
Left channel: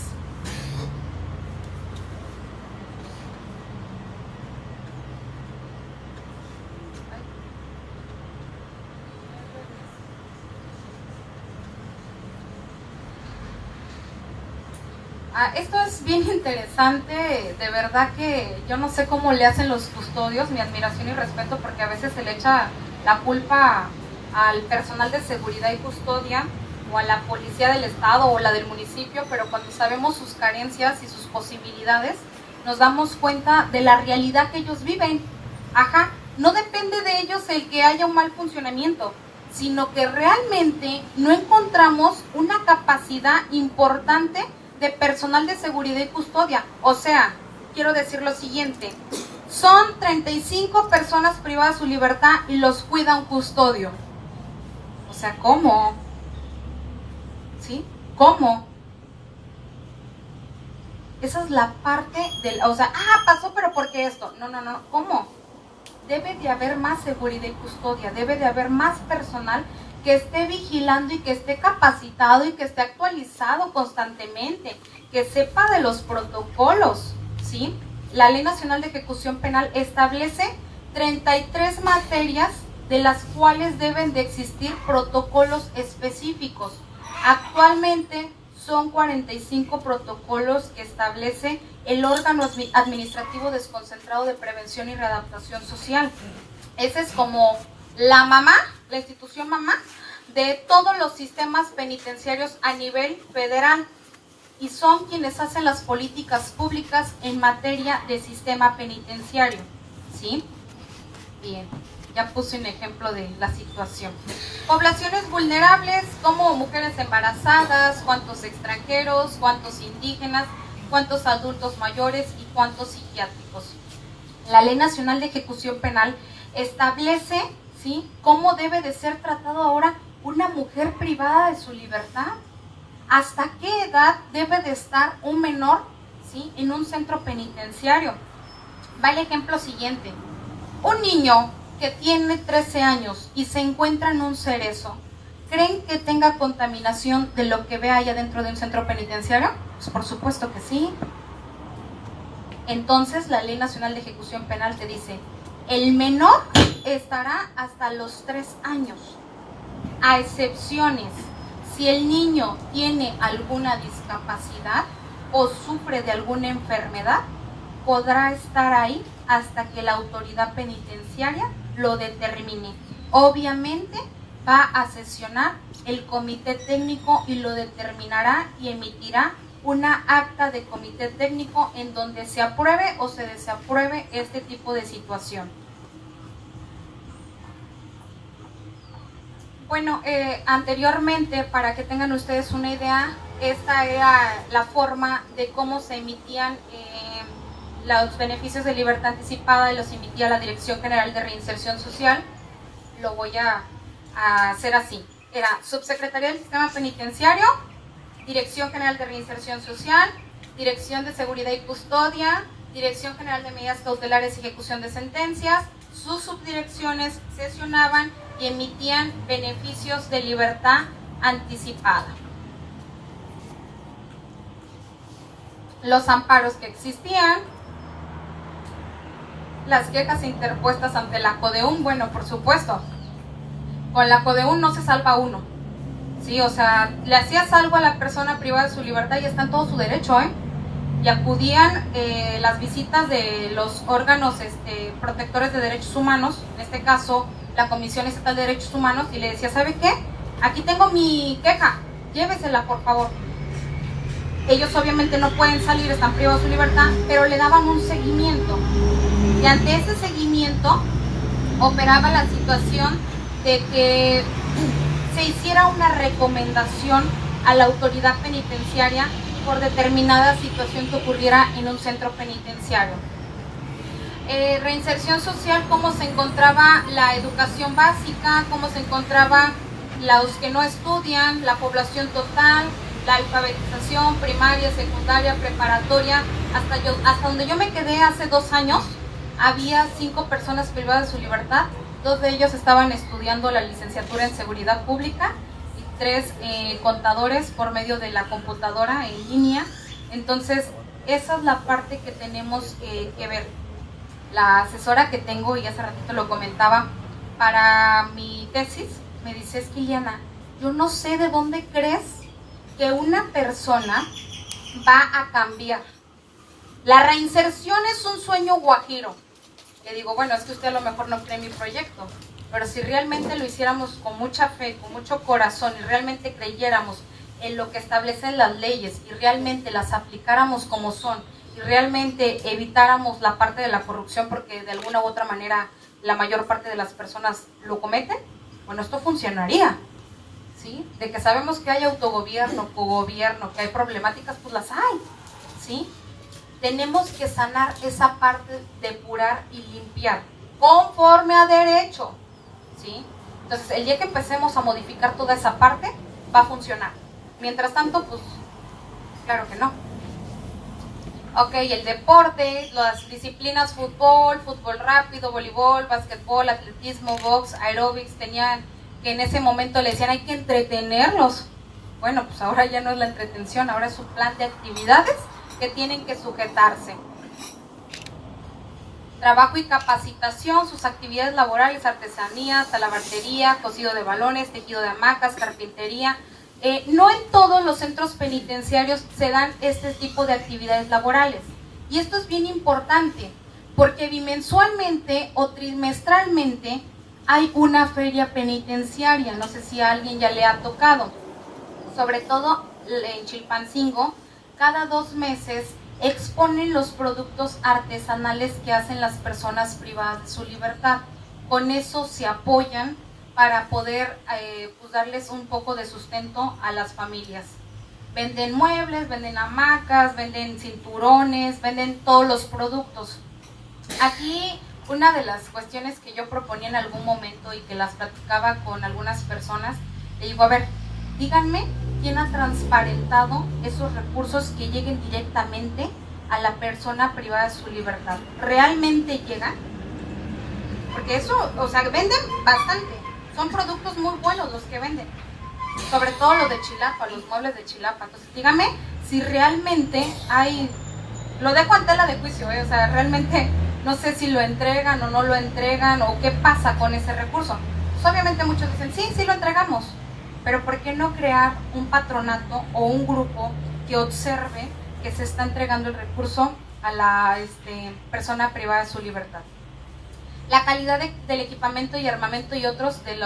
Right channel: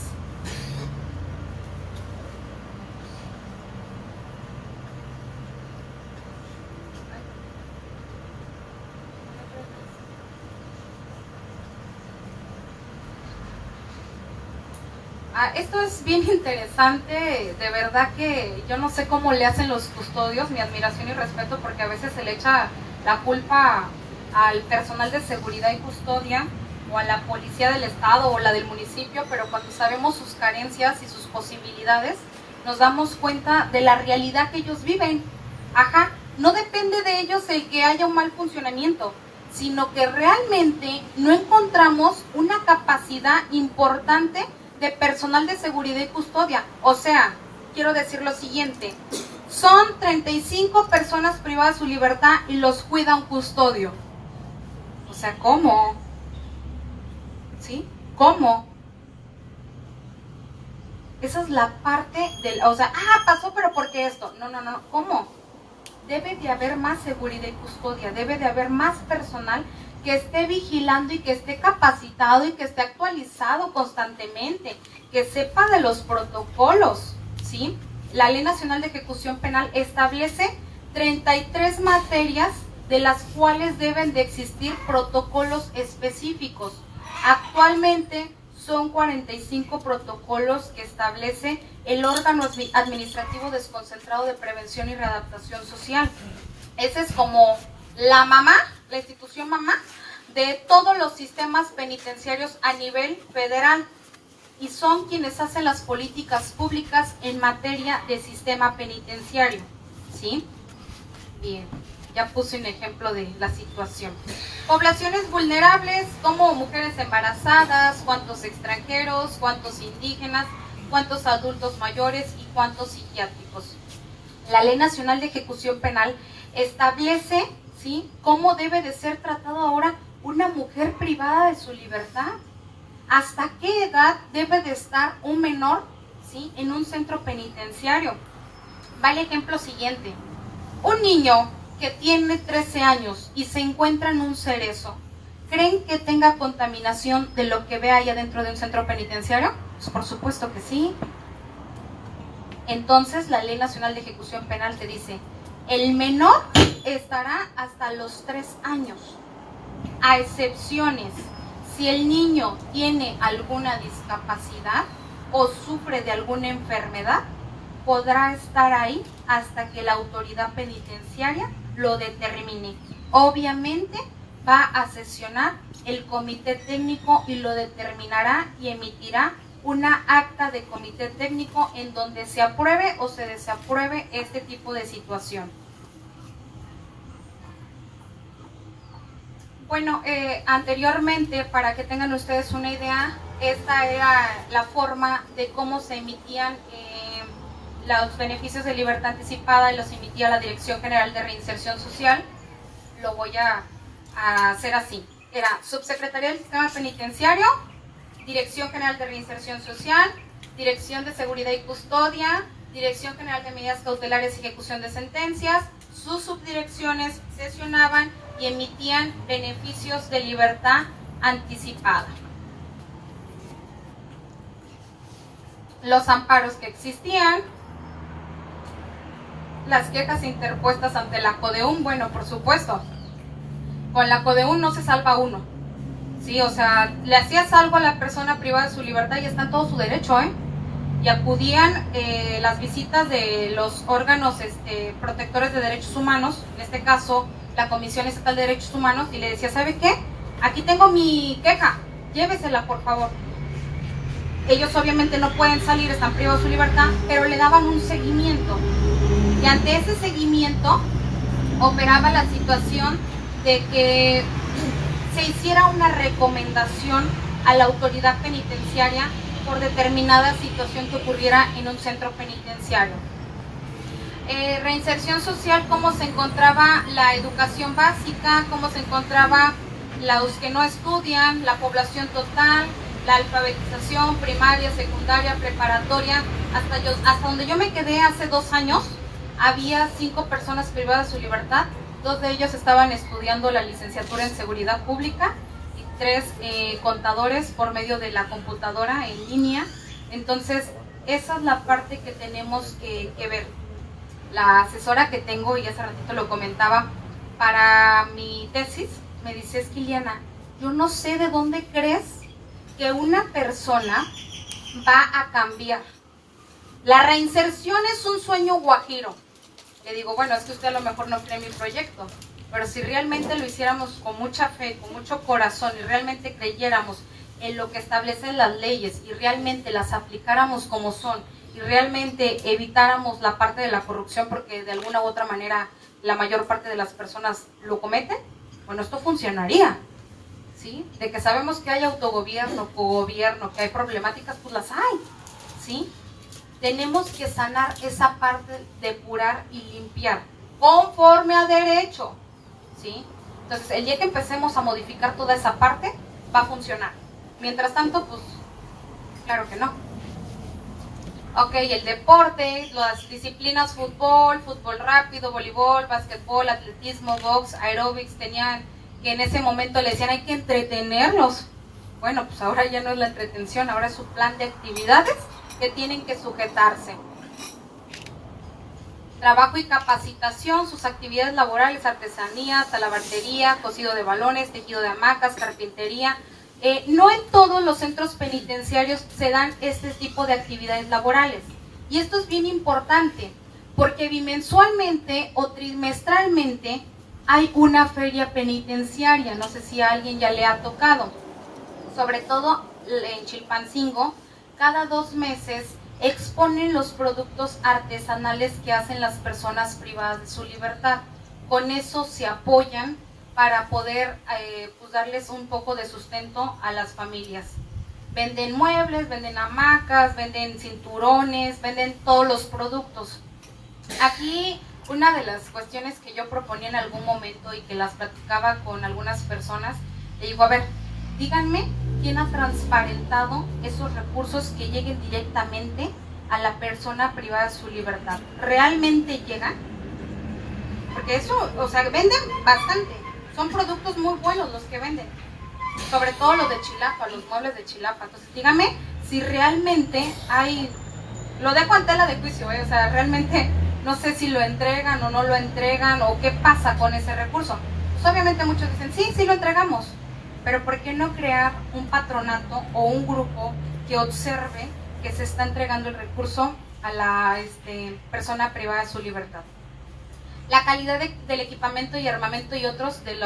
Esto es bien interesante, de verdad que yo no sé cómo le hacen los custodios, mi admiración y respeto, porque a veces se le echa la culpa al personal de seguridad y custodia o a la policía del estado o la del municipio, pero cuando sabemos sus carencias y sus posibilidades, nos damos cuenta de la realidad que ellos viven. No depende de ellos el que haya un mal funcionamiento, sino que realmente no encontramos una capacidad importante de personal de seguridad y custodia. O sea, quiero decir lo siguiente: son 35 personas privadas de su libertad y los cuida un custodio. O sea, ¿cómo? ¿Sí? ¿Cómo? Esa es la parte del... O sea, pasó, pero ¿por qué esto? No, ¿cómo? Debe de haber más seguridad y custodia, debe de haber más personal que esté vigilando y que esté capacitado y que esté actualizado constantemente, que sepa de los protocolos, ¿sí? La Ley Nacional de Ejecución Penal establece 33 materias de las cuales deben de existir protocolos específicos. Actualmente son 45 protocolos que establece el órgano administrativo desconcentrado de prevención y readaptación social. Esa es como la mamá, la institución mamá de todos los sistemas penitenciarios a nivel federal, y son quienes hacen las políticas públicas en materia de sistema penitenciario, ¿sí? Bien, ya puse un ejemplo de la situación. Poblaciones vulnerables como mujeres embarazadas, cuántos extranjeros, cuántos indígenas, cuántos adultos mayores y cuántos psiquiátricos. La Ley Nacional de Ejecución Penal establece, ¿sí?, cómo debe de ser tratado ahora una mujer privada de su libertad. ¿Hasta qué edad debe de estar un menor, ¿sí?, en un centro penitenciario? Va el ejemplo siguiente. Un niño que tiene 13 años y se encuentra en un cerezo, ¿creen que tenga contaminación de lo que ve allá dentro de un centro penitenciario? Pues por supuesto que sí. Entonces la Ley Nacional de Ejecución Penal te dice, el menor estará hasta los 3 años, a excepciones si el niño tiene alguna discapacidad o sufre de alguna enfermedad, podrá estar ahí hasta que la autoridad penitenciaria lo determine. Obviamente va a sesionar el comité técnico y lo determinará y emitirá una acta de comité técnico en donde se apruebe o se desapruebe este tipo de situación. Bueno, anteriormente, para que tengan ustedes una idea, esta era la forma de cómo se emitían los beneficios de libertad anticipada, y los emitía la Dirección General de Reinserción Social. Lo voy a hacer así. Era Subsecretaría del Sistema Penitenciario, Dirección General de Reinserción Social, Dirección de Seguridad y Custodia, Dirección General de Medidas Cautelares y Ejecución de Sentencias. Sus subdirecciones sesionaban y emitían beneficios de libertad anticipada. Los amparos que existían, las quejas interpuestas ante la CODEUN, bueno, por supuesto, con la CODEUN no se salva uno, ¿sí? O sea, le hacías algo a la persona privada de su libertad y está en todo su derecho, y acudían las visitas de los órganos protectores de derechos humanos, en este caso la Comisión Estatal de Derechos Humanos, y le decía, ¿sabe qué? Aquí tengo mi queja, llévesela por favor. Ellos obviamente no pueden salir, están privados de su libertad, pero le daban un seguimiento. Y ante ese seguimiento operaba la situación de que se hiciera una recomendación a la autoridad penitenciaria por determinada situación que ocurriera en un centro penitenciario. Reinserción social, cómo se encontraba la educación básica, cómo se encontraba los que no estudian, la población total, la alfabetización primaria, secundaria, preparatoria. Hasta donde yo me quedé hace 2 años, había 5 personas privadas de su libertad. 2 de ellos estaban estudiando la licenciatura en seguridad pública y 3 contadores por medio de la computadora en línea. Entonces esa es la parte que tenemos que ver. La asesora que tengo, y hace ratito lo comentaba, para mi tesis, me dice, es que Iliana, yo no sé de dónde crees que una persona va a cambiar. La reinserción es un sueño guajiro. Le digo, bueno, es que usted a lo mejor no cree en mi proyecto, pero si realmente lo hiciéramos con mucha fe, con mucho corazón, y realmente creyéramos en lo que establecen las leyes y realmente las aplicáramos como son, y realmente evitáramos la parte de la corrupción, porque de alguna u otra manera la mayor parte de las personas lo cometen, bueno, esto funcionaría, ¿sí? De que sabemos que hay autogobierno, cogobierno, que hay problemáticas, pues las hay, ¿sí? Tenemos que sanar esa parte, depurar y limpiar, conforme a derecho, ¿sí? Entonces, el día que empecemos a modificar toda esa parte, va a funcionar. Mientras tanto, pues, claro que no. Ok, el deporte, las disciplinas fútbol, fútbol rápido, voleibol, básquetbol, atletismo, box, aeróbics, tenían que en ese momento le decían hay que entretenerlos. Bueno, pues ahora ya no es la entretención, ahora es su plan de actividades que tienen que sujetarse. trabajo y capacitación, sus actividades laborales, artesanías, talabartería, cosido de balones, tejido de hamacas, carpintería. No en todos los centros penitenciarios se dan este tipo de actividades laborales. Y esto es bien importante, porque bimensualmente o trimestralmente hay una feria penitenciaria. No sé si a alguien ya le ha tocado. Sobre todo en Chilpancingo, cada 2 meses exponen los productos artesanales que hacen las personas privadas de su libertad. Con eso se apoyan para poder pues darles un poco de sustento a las familias. Venden muebles, venden hamacas, venden cinturones, venden todos los productos. Aquí una de las cuestiones que yo proponía en algún momento y que las platicaba con algunas personas, le digo, a ver, díganme quién ha transparentado esos recursos que lleguen directamente a la persona privada de su libertad. ¿Realmente llegan? Porque eso, o sea, venden bastante. Son productos muy buenos los que venden. Sobre todo los de Chilapa, los muebles de Chilapa. Entonces, dígame si realmente hay... Lo dejo en tela de juicio, o sea, realmente no sé si lo entregan o no lo entregan o qué pasa con ese recurso. Pues obviamente muchos dicen, sí lo entregamos. Pero ¿por qué no crear un patronato o un grupo que observe que se está entregando el recurso a la persona privada de su libertad? La calidad del equipamiento y armamento y otros de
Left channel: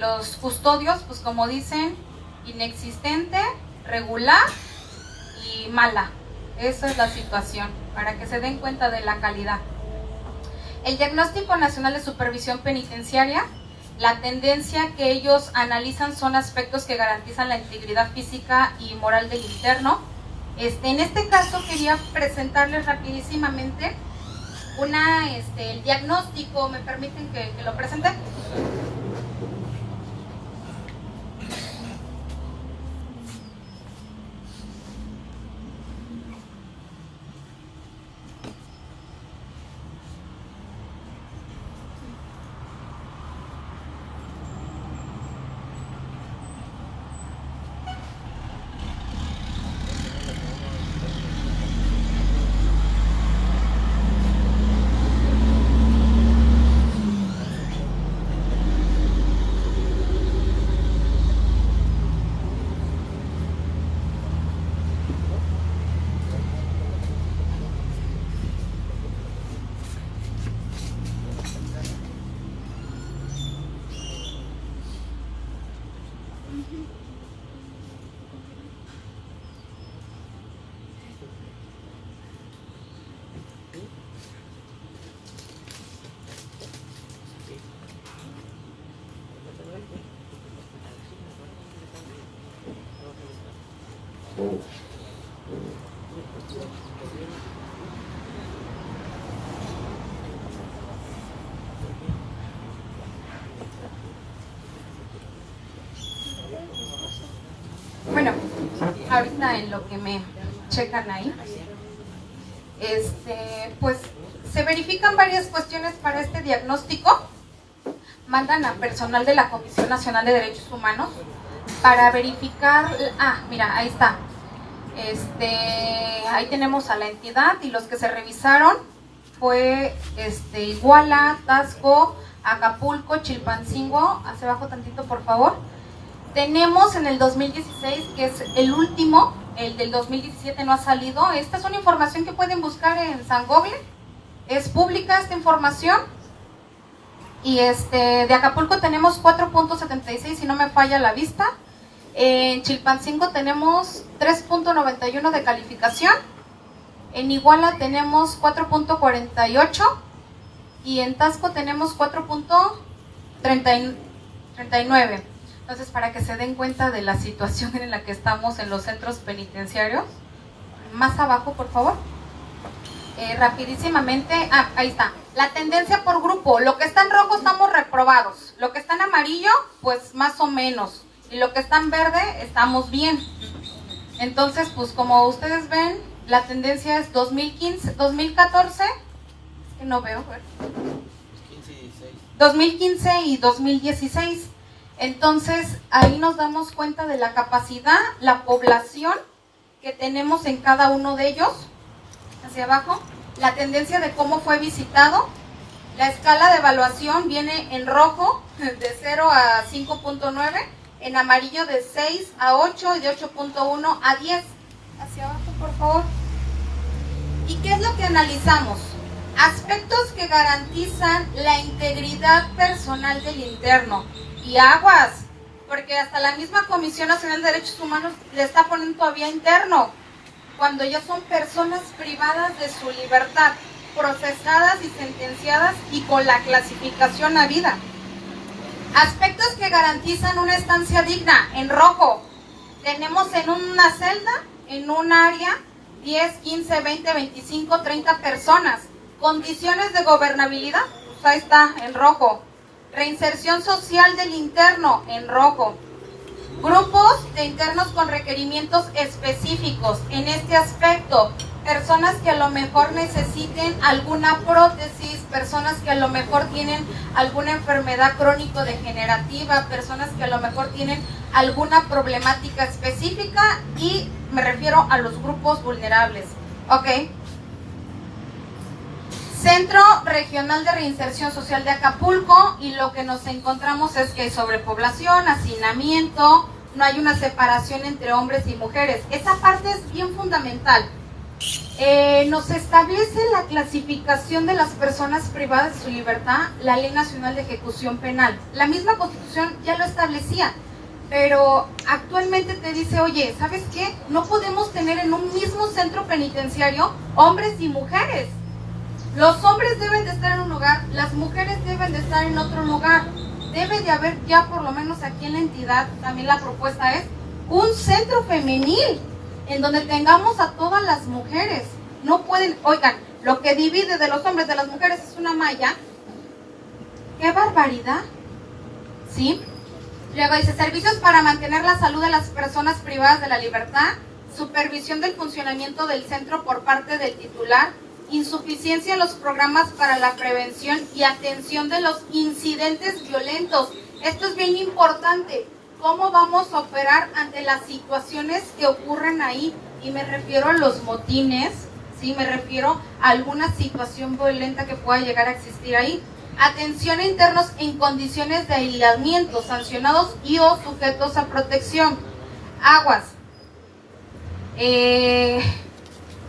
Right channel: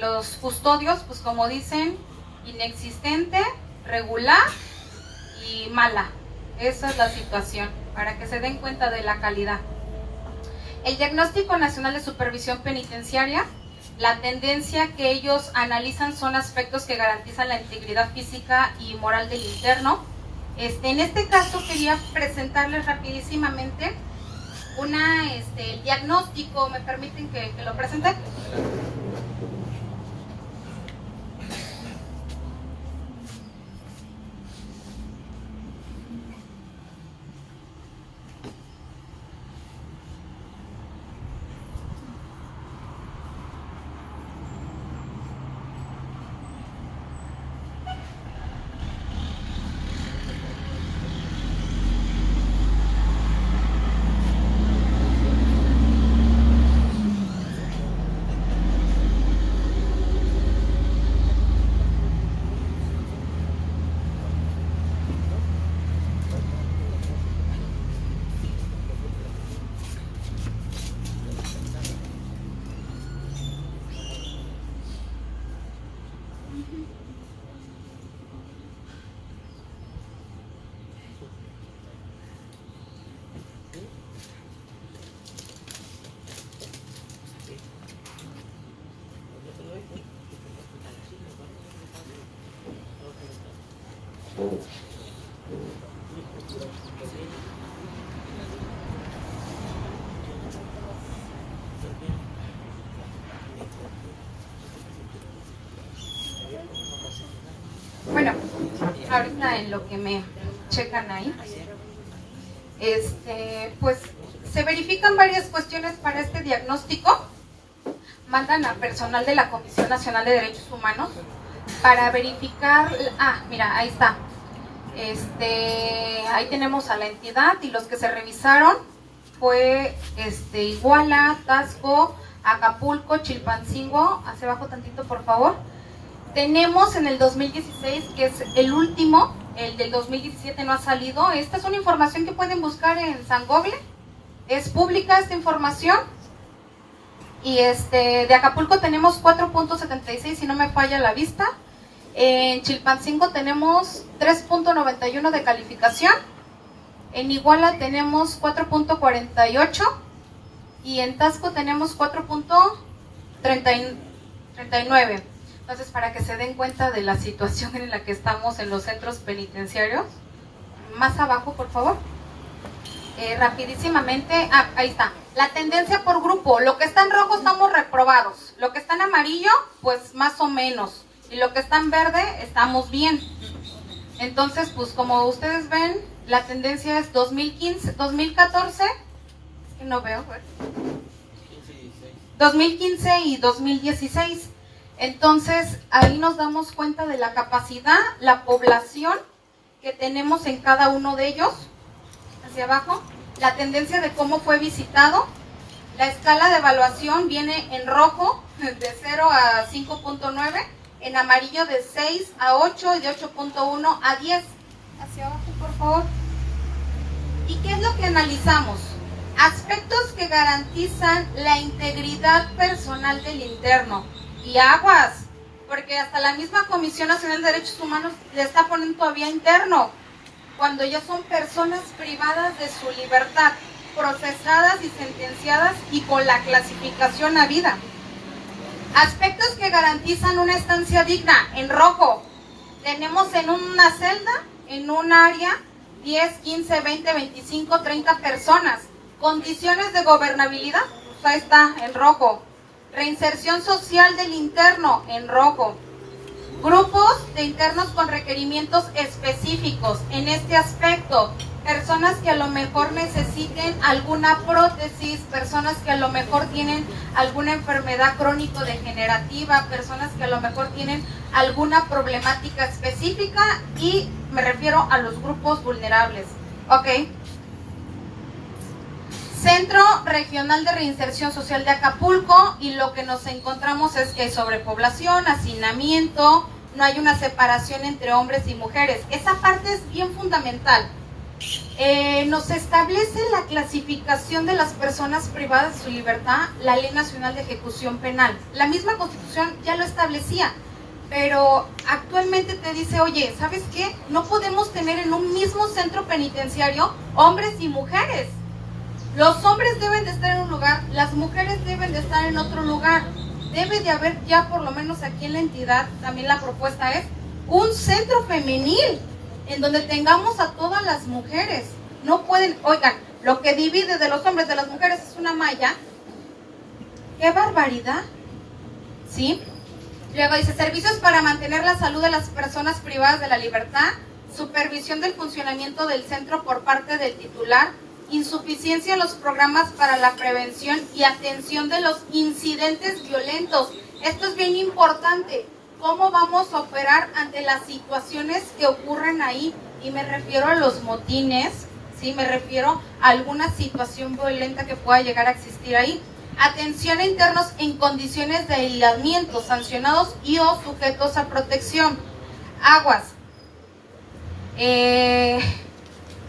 los custodios, pues como dicen, inexistente, regular y mala. Esa es la situación, para que se den cuenta de la calidad. El Diagnóstico Nacional de Supervisión Penitenciaria, la tendencia que ellos analizan son aspectos que garantizan la integridad física y moral del interno. En este caso quería presentarles rapidísimamente el diagnóstico. ¿Me permiten que lo presente? Bueno, ahorita en lo que me checan ahí, pues se verifican varias cuestiones para este diagnóstico. Mandan a personal de la Comisión Nacional de Derechos Humanos para verificar. Mira, ahí está. Ahí tenemos a la entidad y los que se revisaron fue Iguala, Taxco, Acapulco, Chilpancingo. Hacia abajo tantito, por favor. Tenemos en el 2016, que es el último, el del 2017 no ha salido. Esta es una información que pueden buscar en San Google. Es pública esta información. Y de Acapulco tenemos 4.76, si no me falla la vista. En Chilpancingo tenemos 3.91 de calificación. En Iguala tenemos 4.48. Y en Taxco tenemos 4.39. Entonces, para que se den cuenta de la situación en la que estamos en los centros penitenciarios. Más abajo, por favor. Rapidísimamente, ahí está. La tendencia por grupo. Lo que está en rojo estamos reprobados. Lo que está en amarillo, pues más o menos. Y lo que está en verde, estamos bien. Entonces, pues como ustedes ven, la tendencia es 2015, 2014. Que no veo, 2015 y 2016. Entonces, ahí nos damos cuenta de la capacidad, la población que tenemos en cada uno de ellos. Hacia abajo. la tendencia de cómo fue visitado. La escala de evaluación viene en rojo de 0 a 5.9, en amarillo de 6 a 8 y de 8.1 a 10. Hacia abajo, por favor. ¿Y qué es lo que analizamos? Aspectos que garantizan la integridad personal del interno. Y aguas, porque hasta la misma Comisión Nacional de Derechos Humanos le está poniendo todavía interno, cuando ya son personas privadas de su libertad, procesadas y sentenciadas y con la clasificación a vida. Aspectos que garantizan una estancia digna, en rojo. Tenemos en una celda, en un área, 10, 15, 20, 25, 30 personas. Condiciones de gobernabilidad, pues ahí está, en rojo. Reinserción social del interno, en rojo. Grupos de internos con requerimientos específicos en este aspecto. Personas que a lo mejor necesiten alguna prótesis, personas que a lo mejor tienen alguna enfermedad crónico-degenerativa, personas que a lo mejor tienen alguna problemática específica, y me refiero a los grupos vulnerables. ¿Ok? Centro Regional de Reinserción Social de Acapulco, y lo que nos encontramos es que hay sobrepoblación, hacinamiento, no hay una separación entre hombres y mujeres. Esa parte es bien fundamental. Nos establece la clasificación de las personas privadas de su libertad la Ley Nacional de Ejecución Penal. La misma Constitución ya lo establecía, pero actualmente te dice, oye, ¿sabes qué? No podemos tener en un mismo centro penitenciario hombres y mujeres. Los hombres deben de estar en un lugar, las mujeres deben de estar en otro lugar. Debe de haber ya, por lo menos aquí en la entidad, también la propuesta es un centro femenil en donde tengamos a todas las mujeres. No pueden, oigan, lo que divide de los hombres de las mujeres es una malla. ¡Qué barbaridad! ¿Sí? Luego dice, servicios para mantener la salud de las personas privadas de la libertad, supervisión del funcionamiento del centro por parte del titular, insuficiencia en los programas para la prevención y atención de los incidentes violentos. Esto es bien importante. ¿Cómo vamos a operar ante las situaciones que ocurren ahí? Y me refiero a los motines, ¿sí? Me refiero a alguna situación violenta que pueda llegar a existir ahí. Atención a internos en condiciones de aislamiento, sancionados y o sujetos a protección. Aguas.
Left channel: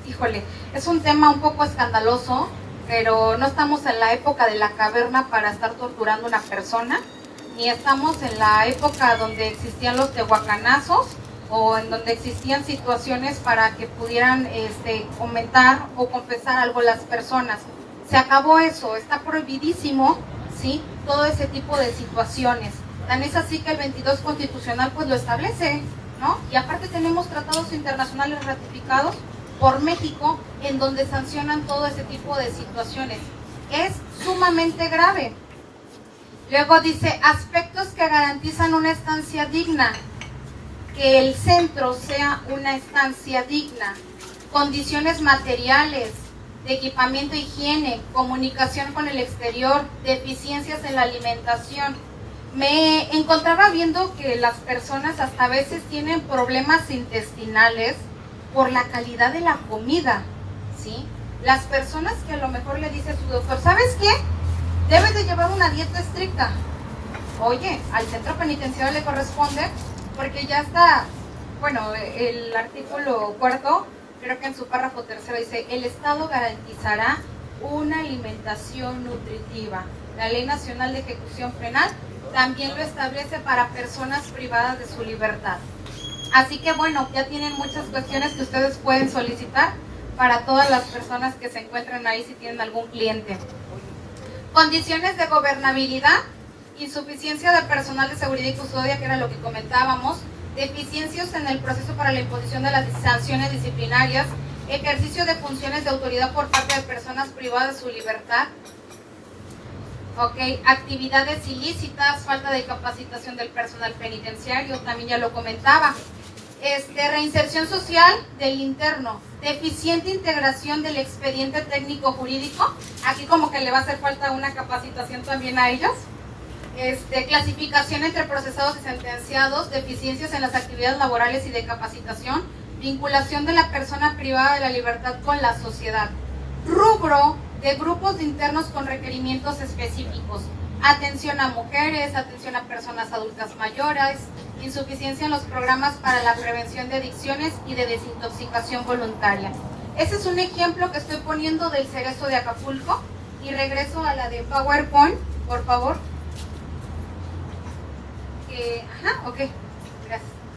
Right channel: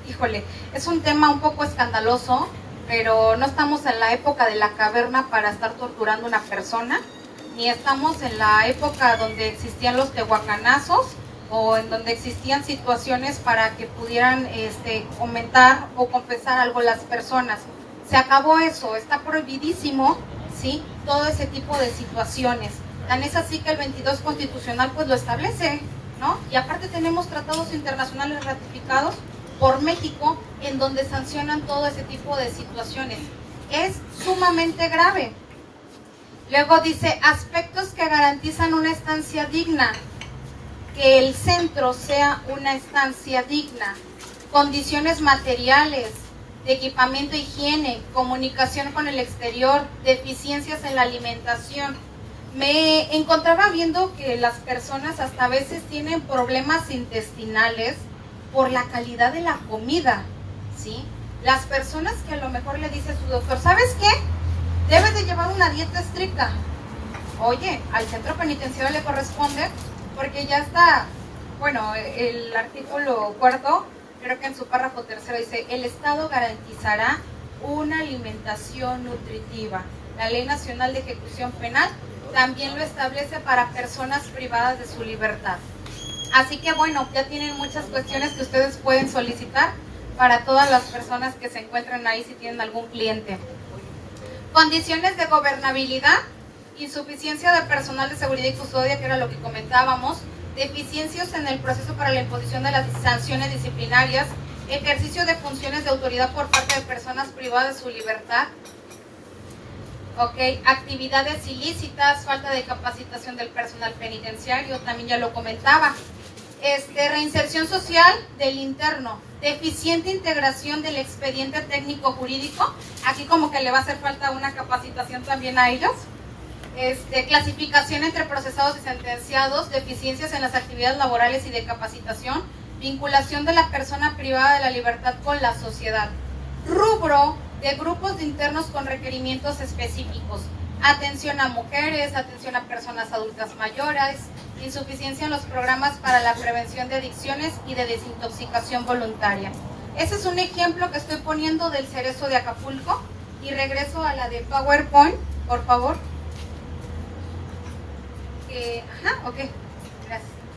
Híjole, es un tema un poco escandaloso, pero no estamos en la época de la caverna para estar torturando a una persona, ni estamos en la época donde existían los tehuacanazos o en donde existían situaciones para que pudieran comentar o confesar algo las personas. Se acabó eso, está prohibidísimo, ¿sí? Todo ese tipo de situaciones. Tan es así que el 22 constitucional pues lo establece, ¿no? Y aparte tenemos tratados internacionales ratificados por México en donde sancionan todo ese tipo de situaciones. Es sumamente grave. Luego dice, aspectos que garantizan una estancia digna, que el centro sea una estancia digna, condiciones materiales, de equipamiento, higiene, comunicación con el exterior, deficiencias en la alimentación. Me encontraba viendo que las personas hasta a veces tienen problemas intestinales por la calidad de la comida, ¿sí? Las personas que a lo mejor le dice a su doctor, ¿sabes qué? Debes de llevar una dieta estricta. Oye, al centro penitenciario le corresponde, porque ya está, bueno, el artículo 4, creo que en su párrafo 3 dice, el Estado garantizará una alimentación nutritiva. La Ley Nacional de Ejecución Penal también lo establece para personas privadas de su libertad. Así que bueno, ya tienen muchas cuestiones que ustedes pueden solicitar para todas las personas que se encuentran ahí si tienen algún cliente. Condiciones de gobernabilidad, insuficiencia de personal de seguridad y custodia, que era lo que comentábamos, deficiencias en el proceso para la imposición de las sanciones disciplinarias, ejercicio de funciones de autoridad por parte de personas privadas de su libertad, actividades ilícitas, falta de capacitación del personal penitenciario, también ya lo comentaba. Reinserción social del interno, deficiente integración del expediente técnico jurídico, aquí como que le va a hacer falta una capacitación también a ellos. Clasificación entre procesados y sentenciados, deficiencias en las actividades laborales y de capacitación, vinculación de la persona privada de la libertad con la sociedad. Rubro de grupos de internos con requerimientos específicos. Atención a mujeres, atención a personas adultas mayores, insuficiencia en los programas para la prevención de adicciones y de desintoxicación voluntaria. Ese es un ejemplo que estoy poniendo del Cerezo de Acapulco. Y regreso a la de PowerPoint, por favor. Ok, gracias.